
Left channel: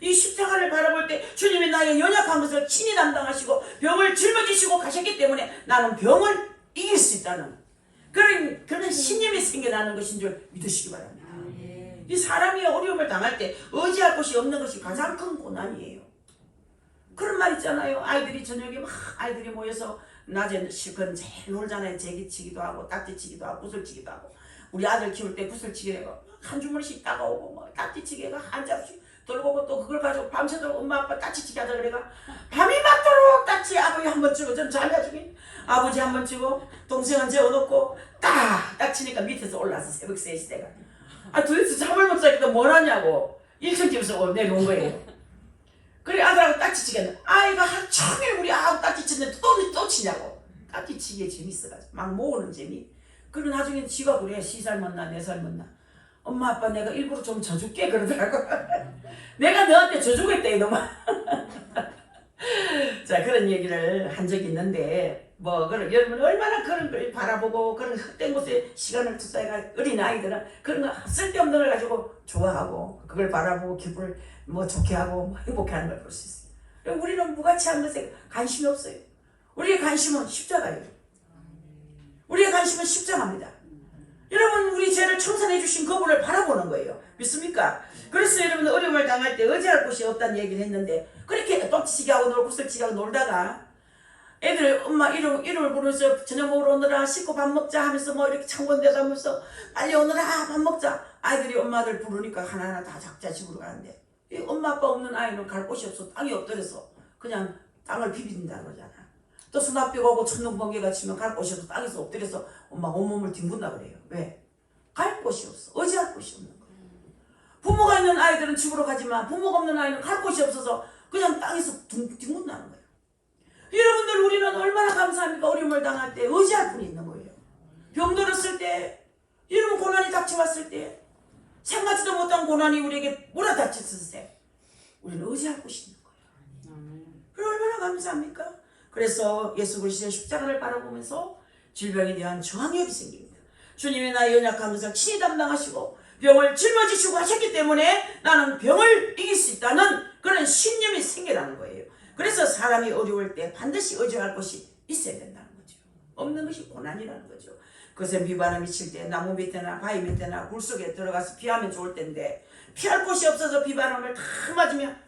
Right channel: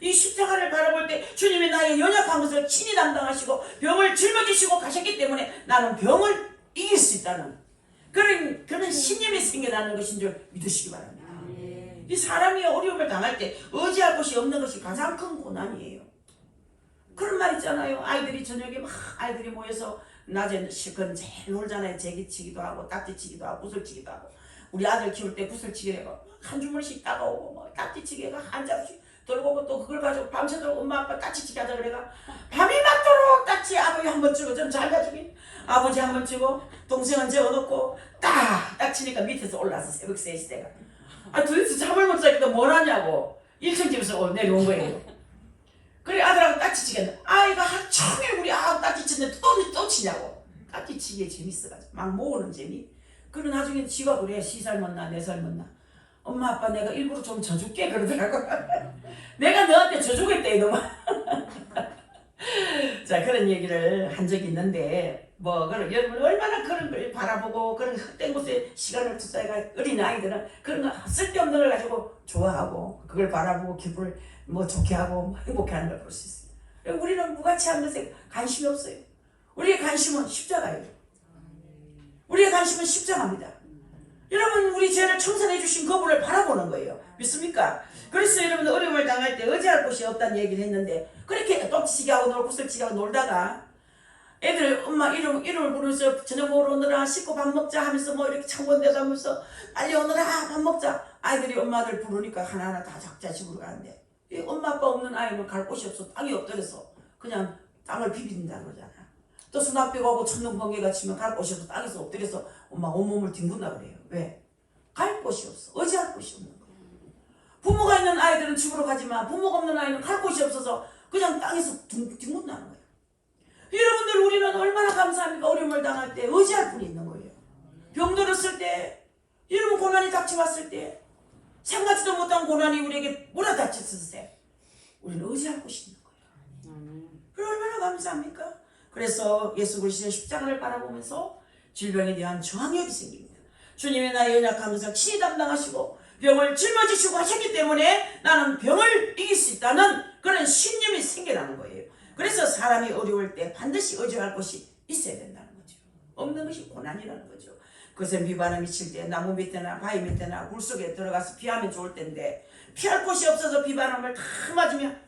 이 십자가를 바라볼 때 주님이 나의 연약한 것을 친히 담당하시고 병을 짊어지시고 가셨기 때문에 나는 병을 이길 수 있다는 그런 신념이 생겨나는 것인 줄 믿으시기 바랍니다. 이 사람이 어려움을 당할 때 의지할 곳이 없는 것이 가장 큰 고난이에요. 그런 말 있잖아요. 아이들이 저녁에 막 아이들이 모여서 낮에 실컷 제일 놀잖아요. 제기치기도 하고 딱지치기도 하고 구슬치기도 하고. 우리 아들 키울 때 구슬치기가 한 주머니씩 따가오고 뭐 딱지치기가 한 잡씩 들고 오고 또 그걸 가지고 밤새도록 엄마 아빠 딱지치기 하자 그래가 밤이 맞도록 딱지 아버지 한 번 치고 좀 잘 가지고 아버지 한 번 치고 동생은 재워놓고 딱 치니까 밑에서 올라서 새벽 3시 때가 도대체 잠을 못 자니까 뭘 하냐고 1층 집에서 내려온 거예요. 그래 아들하고 딱지치기 했는데 아이가 하루 종일 우리 아하고 딱지치는데 또 치냐고. 딱지치기에 재밌어가지고 막 모으는 재미. 그리고 나중에 지가 그래 3살 먹나 4살 먹나 엄마 아빠 내가 일부러 좀 져줄게 그러더라고. 내가 너한테 져주겠다 이놈아. 자 그런 얘기를 한 적이 있는데 여러분 얼마나 그런 걸 바라보고 그런 헛된 곳에 시간을 투자해가 어린 아이들은 그런 거 쓸데없는 걸 가지고 좋아하고 그걸 바라보고 기분을 좋게 하고 행복해하는 걸 볼 수 있어요. 우리는 무가치한 것에 관심이 없어요. 우리의 관심은 십자가예요. 우리의 관심은 십자가입니다. 여러분 우리 죄를 청산해 주신 그분을 바라보는 거예요. 믿습니까? 그래서 여러분 어려움을 당할 때 의지할 곳이 없다는 얘기를 했는데 그렇게 똥치기 하고 놀고 구슬치기 하고 놀다가 애들 엄마 이름을 부르면서 저녁 먹으러 오느라 씻고 밥 먹자 하면서 이렇게 창문대 가면서 빨리 오느라 밥 먹자. 아이들이 엄마들 부르니까 하나하나 다 각자 집으로 가는데 이 엄마 아빠 없는 아이는 갈 곳이 없어. 땅이 없더래서 그냥 땅을 비빈다는 거잖아. 또 수납비가 오고 천둥 번개가 치면 갈 곳이 없어. 땅에서 엎드려서 엄마 온몸을 뒹군다 그래요. 왜? 갈 곳이 없어. 의지할 곳이 없는 거예요. 부모가 있는 아이들은 집으로 가지만 부모가 없는 아이는 갈 곳이 없어서 그냥 땅에서 뒹군다는 거예요. 여러분들 우리는 얼마나 감사합니까? 어려움을 당할 때 의지할 분이 있는 거예요. 병 들었을 때 여러분 고난이 닥쳐왔을 때 생각지도 못한 고난이 우리에게 몰아닥쳤을 때 우리는 의지할 곳이 있는 거예요. 그럼 얼마나 감사합니까? 그래서 예수 그리스도의 십자가를 바라보면서 질병에 대한 저항력이 생깁니다. 주님이 나의 연약한 것을 친히 담당하시고 병을 짊어지시고 하셨기 때문에 나는 병을 이길 수 있다는 그런 신념이 생겨나는 거예요. 그래서 사람이 어려울 때 반드시 의지할 것이 있어야 된다는 거죠. 없는 것이 고난이라는 거죠. 그것은 비바람 미칠 때 나무 밑에나 바위 밑에나 굴 속에 들어가서 피하면 좋을 텐데 피할 곳이 없어서 비바람을 다 맞으면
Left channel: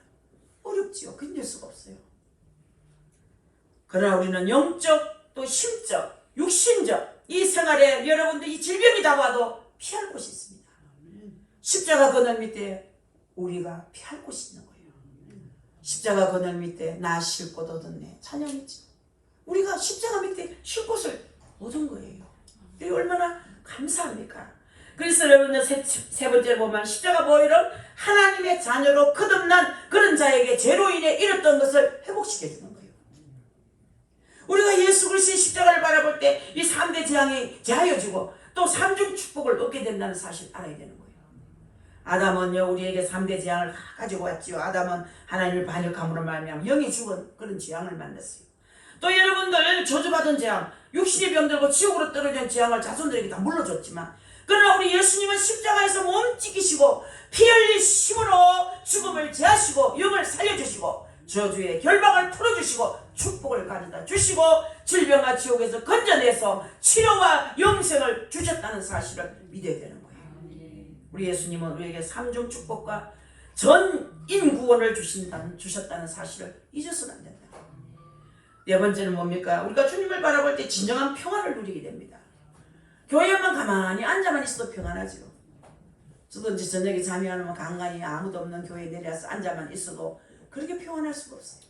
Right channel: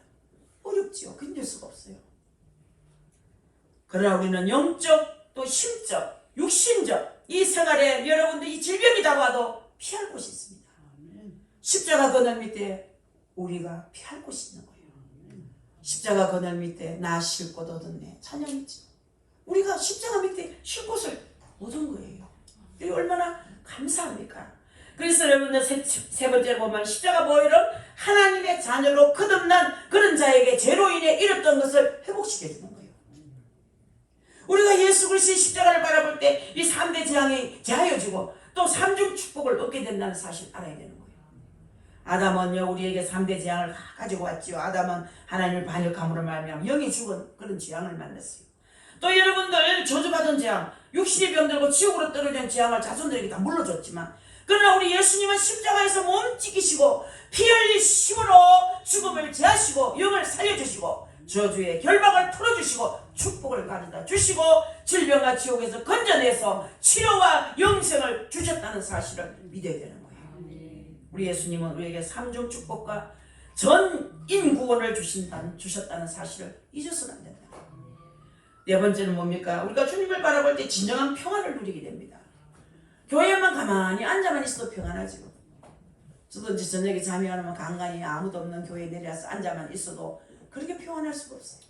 어렵지요. 견딜 수가 없어요. 그러나 우리는 영적 또 심적 육신적 이 이 생활에 여러분들 이 질병이 다가와도 피할 곳이 있습니다. 십자가 그늘 밑에 우리가 피할 곳이 있는 거예요. 십자가 그늘 밑에 나 쉴 곳 얻었네. 찬양했죠. 우리가 십자가 밑에 쉴 곳을 얻은 거예요. 이게 얼마나 감사합니까? 그래서 여러분들 세 번째로 보면 십자가 보혈은 하나님의 자녀로 거듭난 그런 자에게 죄로 인해 잃었던 것을 회복시켜주는 거예요. 우리가 예수 그리스도의 십자가를 바라볼 때 이 3대 재앙이 제하여지고 또 삼중 축복을 얻게 된다는 사실을 알아야 되는 거예요. 아담은요 우리에게 3대 재앙을 가지고 왔지요. 아담은 하나님을 반역함으로 말미암아 영이 죽은 그런 재앙을 만났어요. 또 여러분들 저주받은 재앙, 육신이 병들고 지옥으로 떨어진 재앙을 자손들에게 다 물러줬지만 그러나 우리 예수님은 십자가에서 몸 찢기시고 피 흘리심으로 죽음을 제하시고 영을 살려주시고 저주의 결박을 풀어주시고 축복을 가져다 주시고 질병과 지옥에서 건져내서 치료와 영생을 주셨다는 사실을 믿어야 되는 거예요. 우리 예수님은 우리에게 삼중 축복과 전인 구원을 주셨다는 사실을 잊어서는 안 된다. 네 번째는 뭡니까? 우리가 주님을 바라볼 때 진정한 평안을 누리게 됩니다. 교회만 가만히 앉아만 있어도 평안하죠. 저도 이제 저녁에 잠이 안 오면 간간히 아무도 없는 교회에 내려와서 앉아만 있어도 그렇게 평안할 수가 없어요.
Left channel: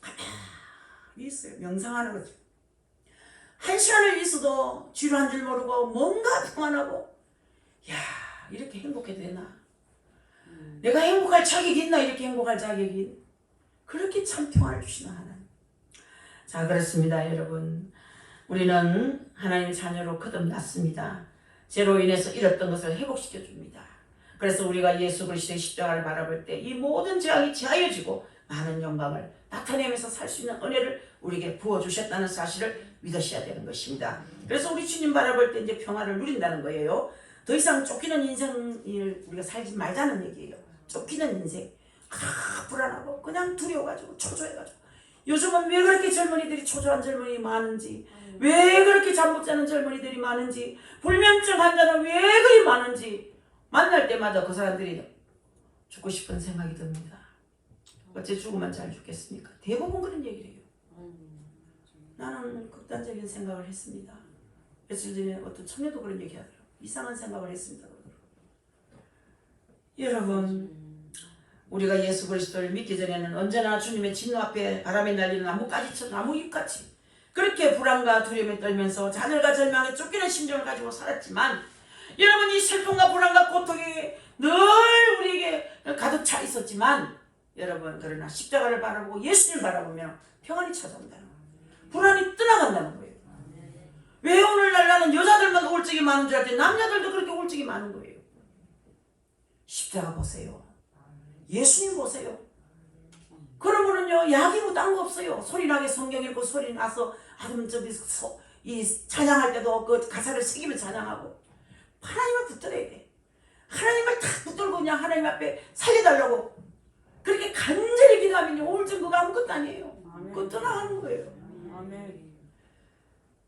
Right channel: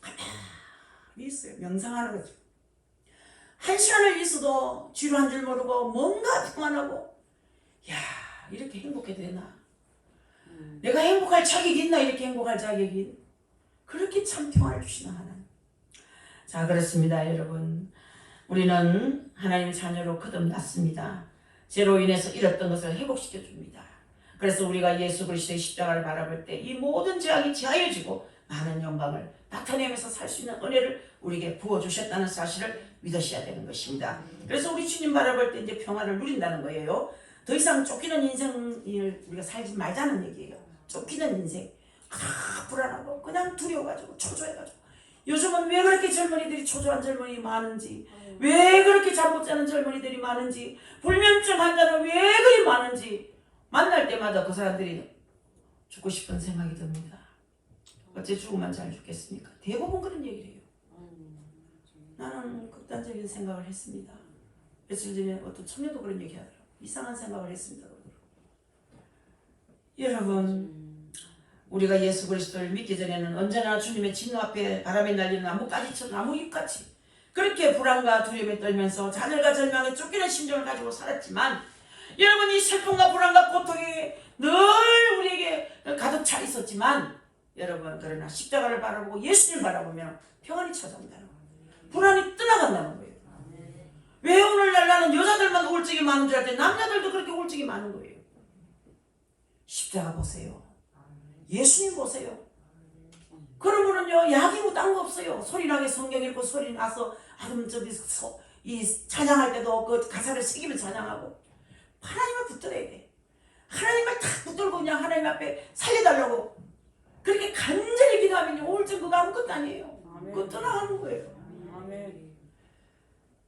가만히 있어요. 명상하는 거죠. 1시간을 있어도 지루한 줄 모르고 뭔가 평안하고 야 이렇게 행복해도 되나? 내가 행복할 자격이 있나? 이렇게 행복할 자격이 그렇게 참 평안을 주시는 하나님. 자 그렇습니다 여러분. 우리는 하나님의 자녀로 거듭났습니다. 죄로 인해서 잃었던 것을 회복시켜 줍니다. 그래서 우리가 예수 그리스도의 십자가를 바라볼 때 이 모든 재앙이 제하여지고 많은 영광을 나타내면서 살 수 있는 은혜를 우리에게 부어주셨다는 사실을 믿으셔야 되는 것입니다. 그래서 우리 주님 바라볼 때 이제 평화를 누린다는 거예요. 더 이상 쫓기는 인생을 우리가 살지 말자는 얘기예요. 쫓기는 인생. 불안하고 그냥 두려워가지고 초조해가지고 요즘은 왜 그렇게 젊은이들이 초조한 젊은이 많은지 왜 그렇게 잠 못 자는 젊은이들이 많은지 불면증 환자는 왜 그리 많은지 만날 때마다 그 사람들이 죽고 싶은 생각이 듭니다. 어째 죽으면 잘 죽겠습니까? 대부분 그런 얘기를 해요. 나는 극단적인 생각을 했습니다. 며칠 전에 어떤 청년도 그런 얘기 하더라고요. 이상한 생각을 했습니다. 여러분 우리가 예수 그리스도를 믿기 전에는 언제나 주님의 진노 앞에 바람에 날리는 나뭇가지처럼 나무잎같이 그렇게 불안과 두려움에 떨면서 자녀가 절망에 쫓기는 심정을 가지고 살았지만 여러분 이 슬픔과 불안과 고통이 늘 우리에게 가득 차 있었지만 여러분 그러나 십자가를 바라보고 예수님을 바라보면 평안이 찾아온다는 거예요. 불안이 떠나간다는 거예요. 왜 오늘날 나는 여자들만 우울증이 많은 줄 알았더니 남자들도 그렇게 우울증이 많은 거예요. 십자가 보세요. 예수님 보세요. 그러면은요 약이고 딴 거 없어요. 소리나게 성경 읽고 소리 나서 이 찬양할 때도 그 가사를 새기며 찬양하고 하나님을 붙들어야 돼. 하나님을 탁 붙들고 그냥 하나님 앞에 살려달라고 그렇게 간절히 기도하면 우울증 그거 아무것도 아니에요. 그거 떠나가는 거예요.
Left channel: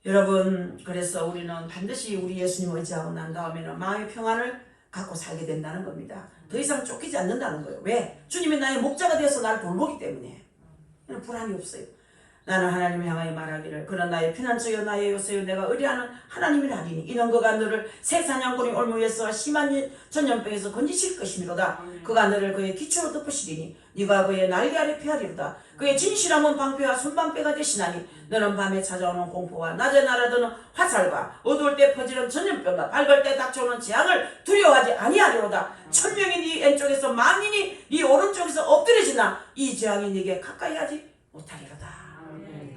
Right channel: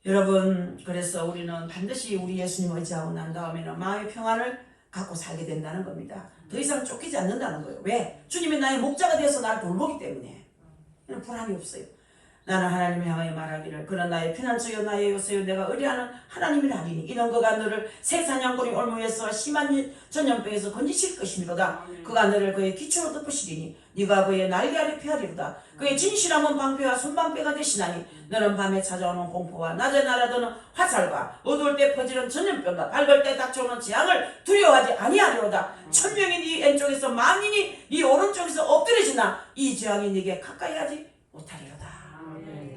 여러분 그래서 우리는 반드시 우리 예수님 의지하고 난 다음에는 마음의 평안을 갖고 살게 된다는 겁니다. 더 이상 쫓기지 않는다는 거예요. 왜? 주님이 나의 목자가 되어서 나를 돌보기 때문에 불안이 없어요. 나는 하나님을 향하여 말하기를 그는 나의 피난처여 나의 요새여 내가 의뢰하는 하나님이라 하리니 이는 그가 너를 새 사냥꾼이 올무에서 심한 전염병에서 건지실 것이미로다. 그가 너를 그의 기초로 덮으시리니 네가 그의 날개 아래 피하리로다. 그의 진실함은 방패와 손방패가 되시나니 너는 밤에 찾아오는 공포와 낮에 날아드는 화살과 어두울 때 퍼지는 전염병과 밝을 때 닥쳐오는 재앙을 두려워하지 아니하리로다. 천명이 네 왼쪽에서 만인이 네 오른쪽에서 엎드려지나 이 재앙이 네게 가까이 하지 못하리로다.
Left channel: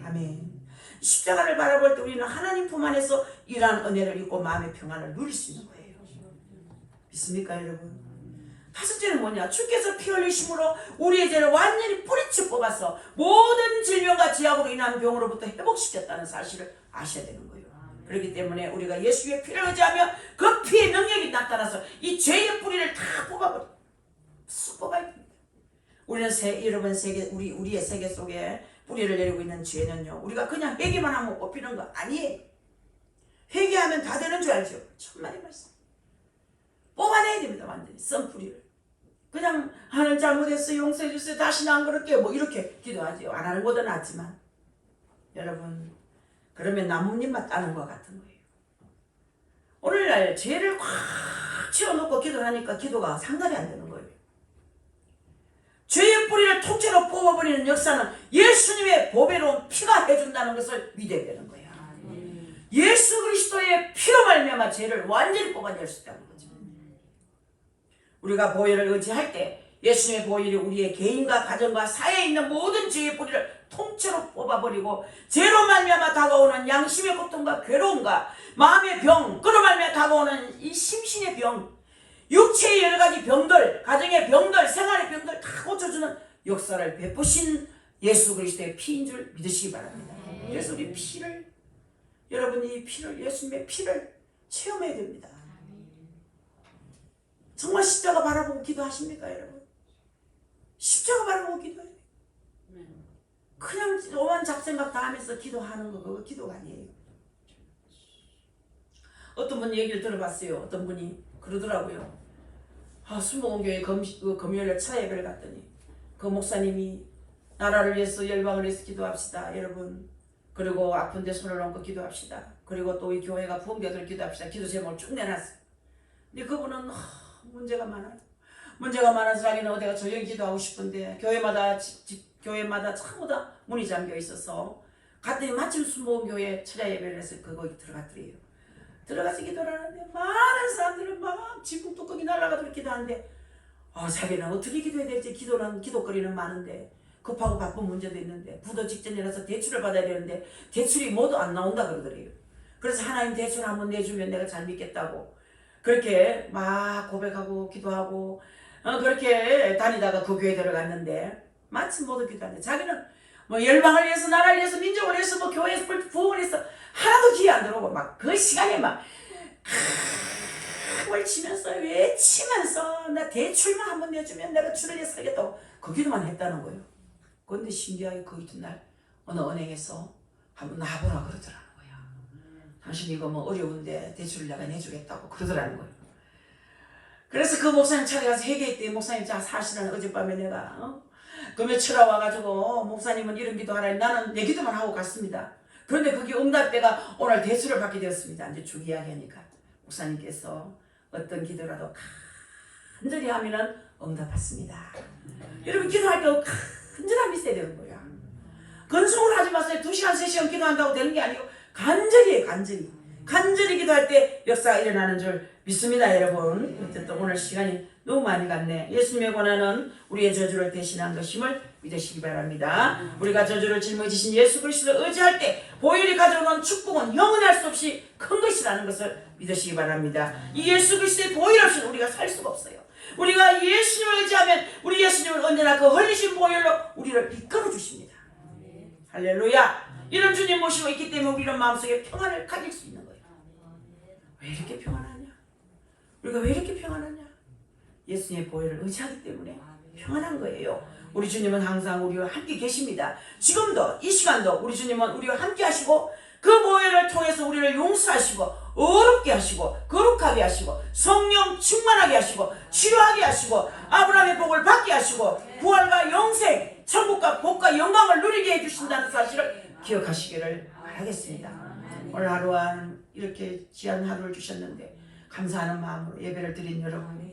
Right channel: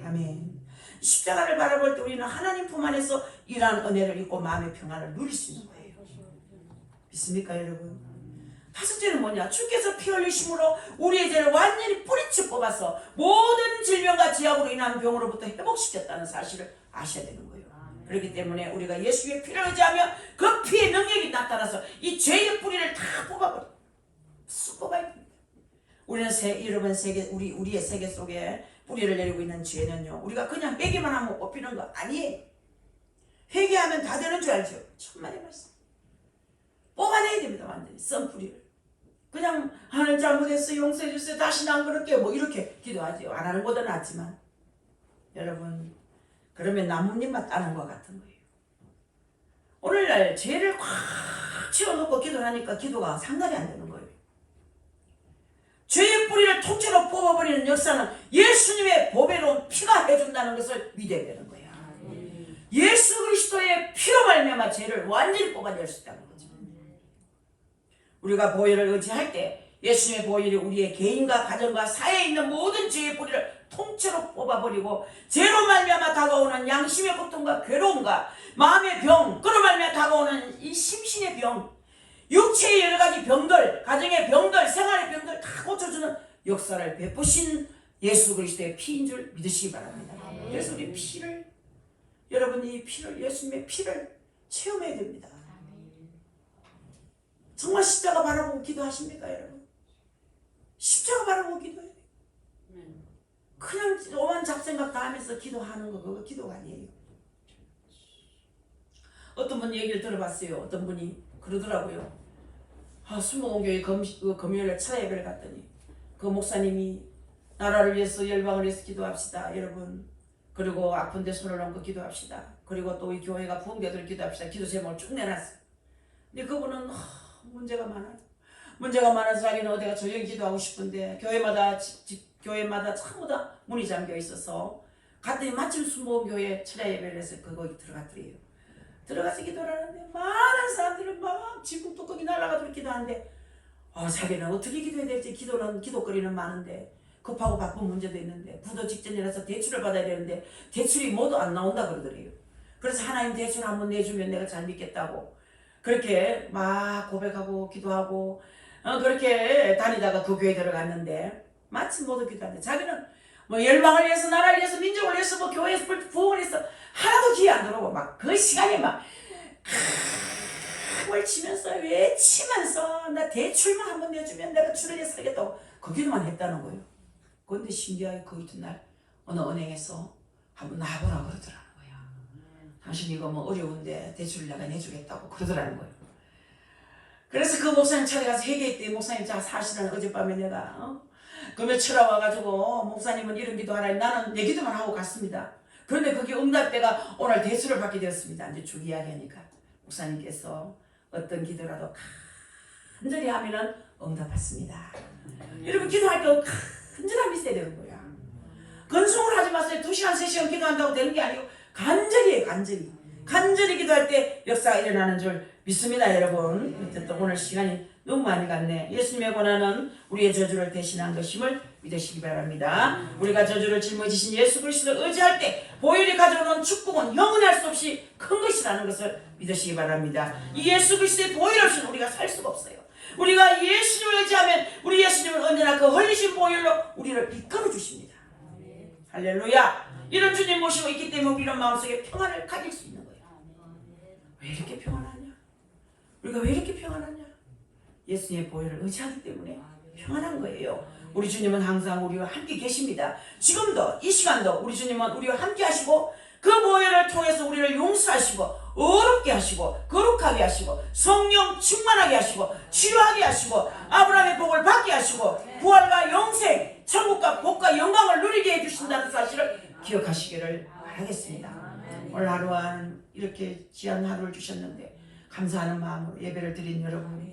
아멘. 십자가를 바라볼 때 우리는 하나님 품 안에서 이러한 은혜를 입고 마음의 평안을 누릴 수 있는 거예요. 믿습니까 여러분? 다섯째는 뭐냐? 주께서 피 흘리심으로 우리의 죄를 완전히 뿌리쳐 뽑아서 모든 질병과 지약으로 인한 병으로부터 회복시켰다는 사실을 아셔야 되는 거예요. 그렇기 때문에 우리가 예수의 피를 의지하며 그 피의 능력이 나타나서 이 죄의 뿌리를 다 뽑아버려. 쑥 뽑아야 됩니다. 우리는 여러분 우리의 세계 속에 뿌리를 내리고 있는 죄는요. 우리가 그냥 회개만 하면 뽑히는 거 아니에요. 회개하면 다 되는 줄 알죠? 천만의 말씀. 뽑아내야 됩니다. 완전히 썬 뿌리를. 그냥 하나님 잘못했어요. 용서해 주세요. 다시는 안 그럴게요. 뭐 이렇게 기도하죠. 안 하는 것도 낫지만 여러분 그러면 나뭇잎만 따는 것 같은 거예요. 오늘날 죄를 꽉 채워놓고 기도를 하니까 기도가 상달이 안 되는 거예요. 죄의 뿌리를 통째로 뽑아버리는 역사는 예수님의 보배로운 피가 해준다는 것을 믿어야 되는 거예요. 예수 그리스도의 피로 말미암아 죄를 완전히 뽑아낼 수 있다는 거죠. 우리가 보혈을 의지할 때 예수님의 보혈이 우리의 개인과 가정과 사회에 있는 모든 죄의 뿌리를 통째로 뽑아버리고 죄로 말미암아 다가오는 양심의 고통과 괴로움과 마음의 병, 그로 말미암아 다가오는 이 심신의 병, 육체의 여러 가지 병들, 가정의 병들, 생활의 병들 다 고쳐주는 역사를 베푸신 예수 그리스도의 피인 줄 믿으시기 바랍니다. 그래서 우리 피를, 여러분이 이 피를, 예수님의 피를 체험해야 됩니다. 정말 십자가 바라보고 기도하십니까, 여러분? 십자가 바라보고 기도해요. 그냥 오만 잡생각 다 하면서 기도하는 거, 그거 기도가 아니에요. 어떤 분 얘기를 들어봤어요. 어떤 분이 그러더라고요. 순복음교회 금요일에 차 예배를 갔더니 그 목사님이 나라를 위해서, 열방을 위해서 기도합시다, 여러분. 그리고 아픈 데 손을 얹고 기도합시다. 그리고 또 이 교회가 부흥되도록 기도합시다. 기도 제목을 쭉 내놨어요. 근데 그분은 문제가 많아요. 문제가 많아서 자기는 어디가 조용히 기도하고 싶은데 교회마다 전부 다 문이 잠겨 있어서 갔더니 마침 순복음교회 철야 예배를 해서 거기 들어갔더래요. 들어가서 기도를 하는데 많은 사람들은 막 지붕 뚜껑이 날아가도록 기도하는데 자기는 어떻게 기도해야 될지 기도거리는 많은데 급하고 바쁜 문제도 있는데 부도 직전이라서 대출을 받아야 되는데 대출이 모두 안 나온다 그러더래요. 그래서 하나님 대출 한번 내주면 내가 잘 믿겠다고 그렇게 막 고백하고 기도하고 그렇게 다니다가 그 교회에 들어갔는데 마침 모두 기도하는데 자기는 뭐 열방을 위해서, 나라를 위해서, 민족을 위해서, 뭐 교회에서 부흥을 위해서 하나도 기회 안 들어오고 막 그 시간에 막 외치면서 나 대출만 한번 내주면 내가 주를 위해 살겠다고 그 기도만 했다는 거예요. 그런데 신기하게 그 이튿날 어느 은행에서 한번 나보라 그러더라는 거예요. 당신 이거 뭐 어려운데 대출을 내가 내주겠다고 그러더라는 거예요. 그래서 그 목사님 찾아가서 회개했대. 목사님 사실은 어젯밤에 내가 금요철에 와가지고 목사님은 이런 기도하라. 나는 내 기도만 하고 갔습니다. 그런데 그게 응답대가 오늘 대수를 받게 되었습니다. 이제 쭉 이야기하니까 목사님께서 어떤 기도라도 간절히 하면은 응답받습니다. 여러분 기도할 때 간절함이 있어야 되는 거야. 건성을 하지 마세요. 2시간 3시간 기도한다고 되는 게 아니고 간절히 간절히 기도할 때 역사가 일어나는 줄 믿습니다, 여러분. 어쨌든 오늘 시간이 너무 많이 갔네. 예수님의 고난은 우리의 저주를 대신한 것임을 믿으시기 바랍니다. 우리가 저주를 짊어지신 예수 그리스도를 의지할 때 보혈이 가져오는 축복은 영원할 수 없이 큰 것이라는 것을 믿으시기 바랍니다. 이 예수 그리스도의 보혈 없이는 우리가 살 수가 없어요. 우리가 예수님을 의지하면 우리 예수님은 언제나 그 흘리신 보혈로 우리를 이끌어 주십니다. 할렐루야. 이런 주님 모시고 있기 때문에 우리는 마음속에 평안을 가질 수 있는 거예요. 왜 이렇게 평안하냐? 우리가 왜 이렇게 평안하냐? 예수님의 보혈을 의지하기 때문에 평안한 거예요. 우리 주님은 항상 우리와 함께 계십니다. 지금도 이 시간도 우리 주님은 우리와 함께 하시고 그 보혈을 통해서 우리를 용서하시고 어렵게 하시고 거룩하게 하시고 성령 충만하게 하시고 치료하게 하시고 아브라함의 복을 받게 하시고 부활과 영생, 천국과 복과 영광을 누리게 해주신다는 사실을 기억하시기를 바라겠습니다. 오늘 하루한 이렇게 귀한 하루를 주셨는데 감사하는 마음으로 예배를 드린 여러분,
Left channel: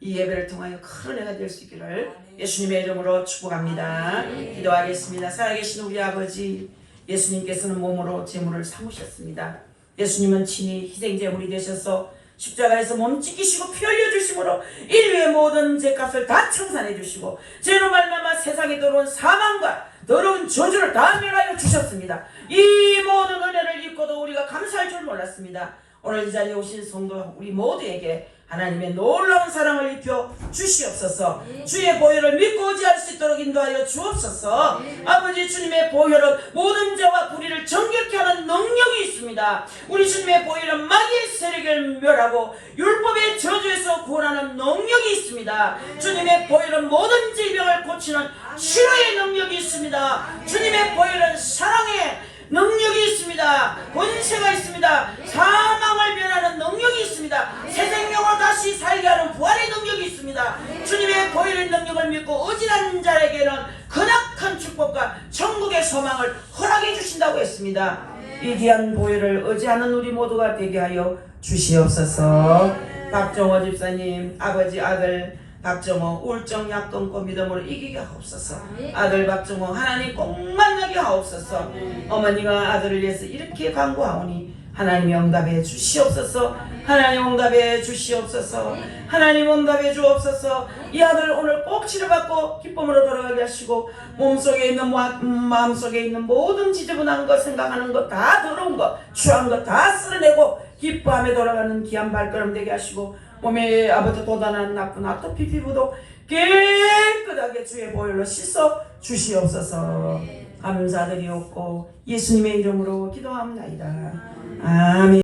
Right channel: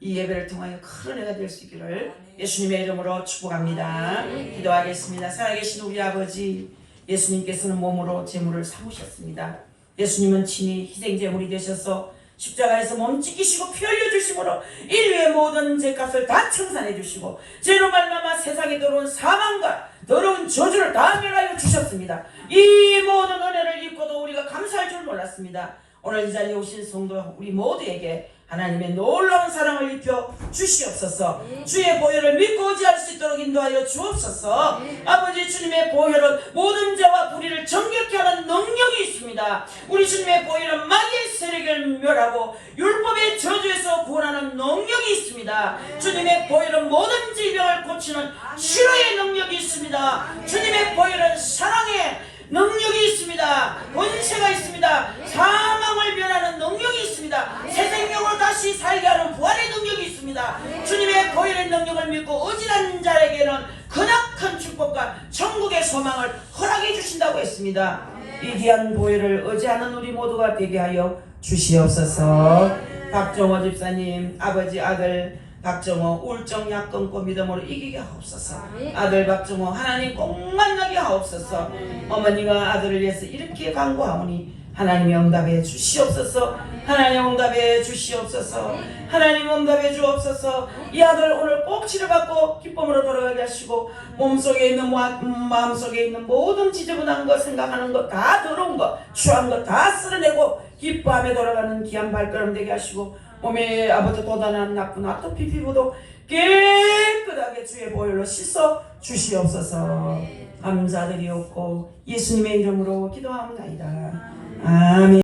이 예배를 통하여 큰 은혜가 될 수 있기를 예수님의 이름으로 축복합니다. 기도하겠습니다. 살아계신 우리 아버지, 예수님께서는 몸으로 제물을 삼으셨습니다. 예수님은 친히 희생제물이 되셔서 십자가에서 몸 찢기시고 피 흘려주심으로 인류의 모든 죄값을 다 청산해 주시고 죄로 말미암아 세상에 들어온 사망과 더러운 저주를 다 멸하여 주셨습니다. 이 모든 은혜를 입고도 우리가 감사할 줄 몰랐습니다. 오늘 이 자리에 오신 성도 우리 모두에게 하나님의 놀라운 사랑을 입혀 주시옵소서. 주의 보혈을 믿고 의지할 수 있도록 인도하여 주옵소서. 아버지 주님의 보혈은 모든 죄와 불의를 정결케 하는 능력이 있습니다. 우리 주님의 보혈은 마귀의 세력을 멸하고 율법의 저주에서 구원하는 능력이 있습니다. 주님의 보혈은 모든 질병을 고치는 치료의 능력이 있습니다. 주님의 보혈은 사랑의 능력이 있습니다. 권세가 있습니다. 사망을 면하는 능력이 있습니다. 새 생명으로 다시 살게 하는 부활의 능력이 있습니다. 주님의 보혈의 능력을 믿고 의지하는 자에게는 크나큰 축복과 천국의 소망을 허락해 주신다고 했습니다. 이 귀한 보혈을 의지하는 우리 모두가 되게 하여 주시옵소서. 박정호 집사님 아버지 아들 박정호 우울증 약 끊고 믿음으로 이기게 하옵소서. 아들 박정호 하나님 꼭 만나게 하옵소서. 어머니가 아들을 위해서 이렇게 간구하오니 하나님이 응답해 주시옵소서. 하나님 응답해 주시옵소서. 하나님 응답해 주옵소서. 이 아들 오늘 꼭 치료받고 기쁨으로 돌아가게 하시고 몸속에 있는 마음속에 있는 모든 지저분한 것 생각하는 것 다 더러운 것 추한 것 다 쓸어내고 기뻐하며 돌아가는 귀한 발걸음 되게 하시고 몸에 아버지 도단한 나쁜 아토피 피부도 깨끗하게 주의 보혈로 씻어 주시옵소서. 감사드리옵고 예수님의 이름으로 기도합니다. 아멘.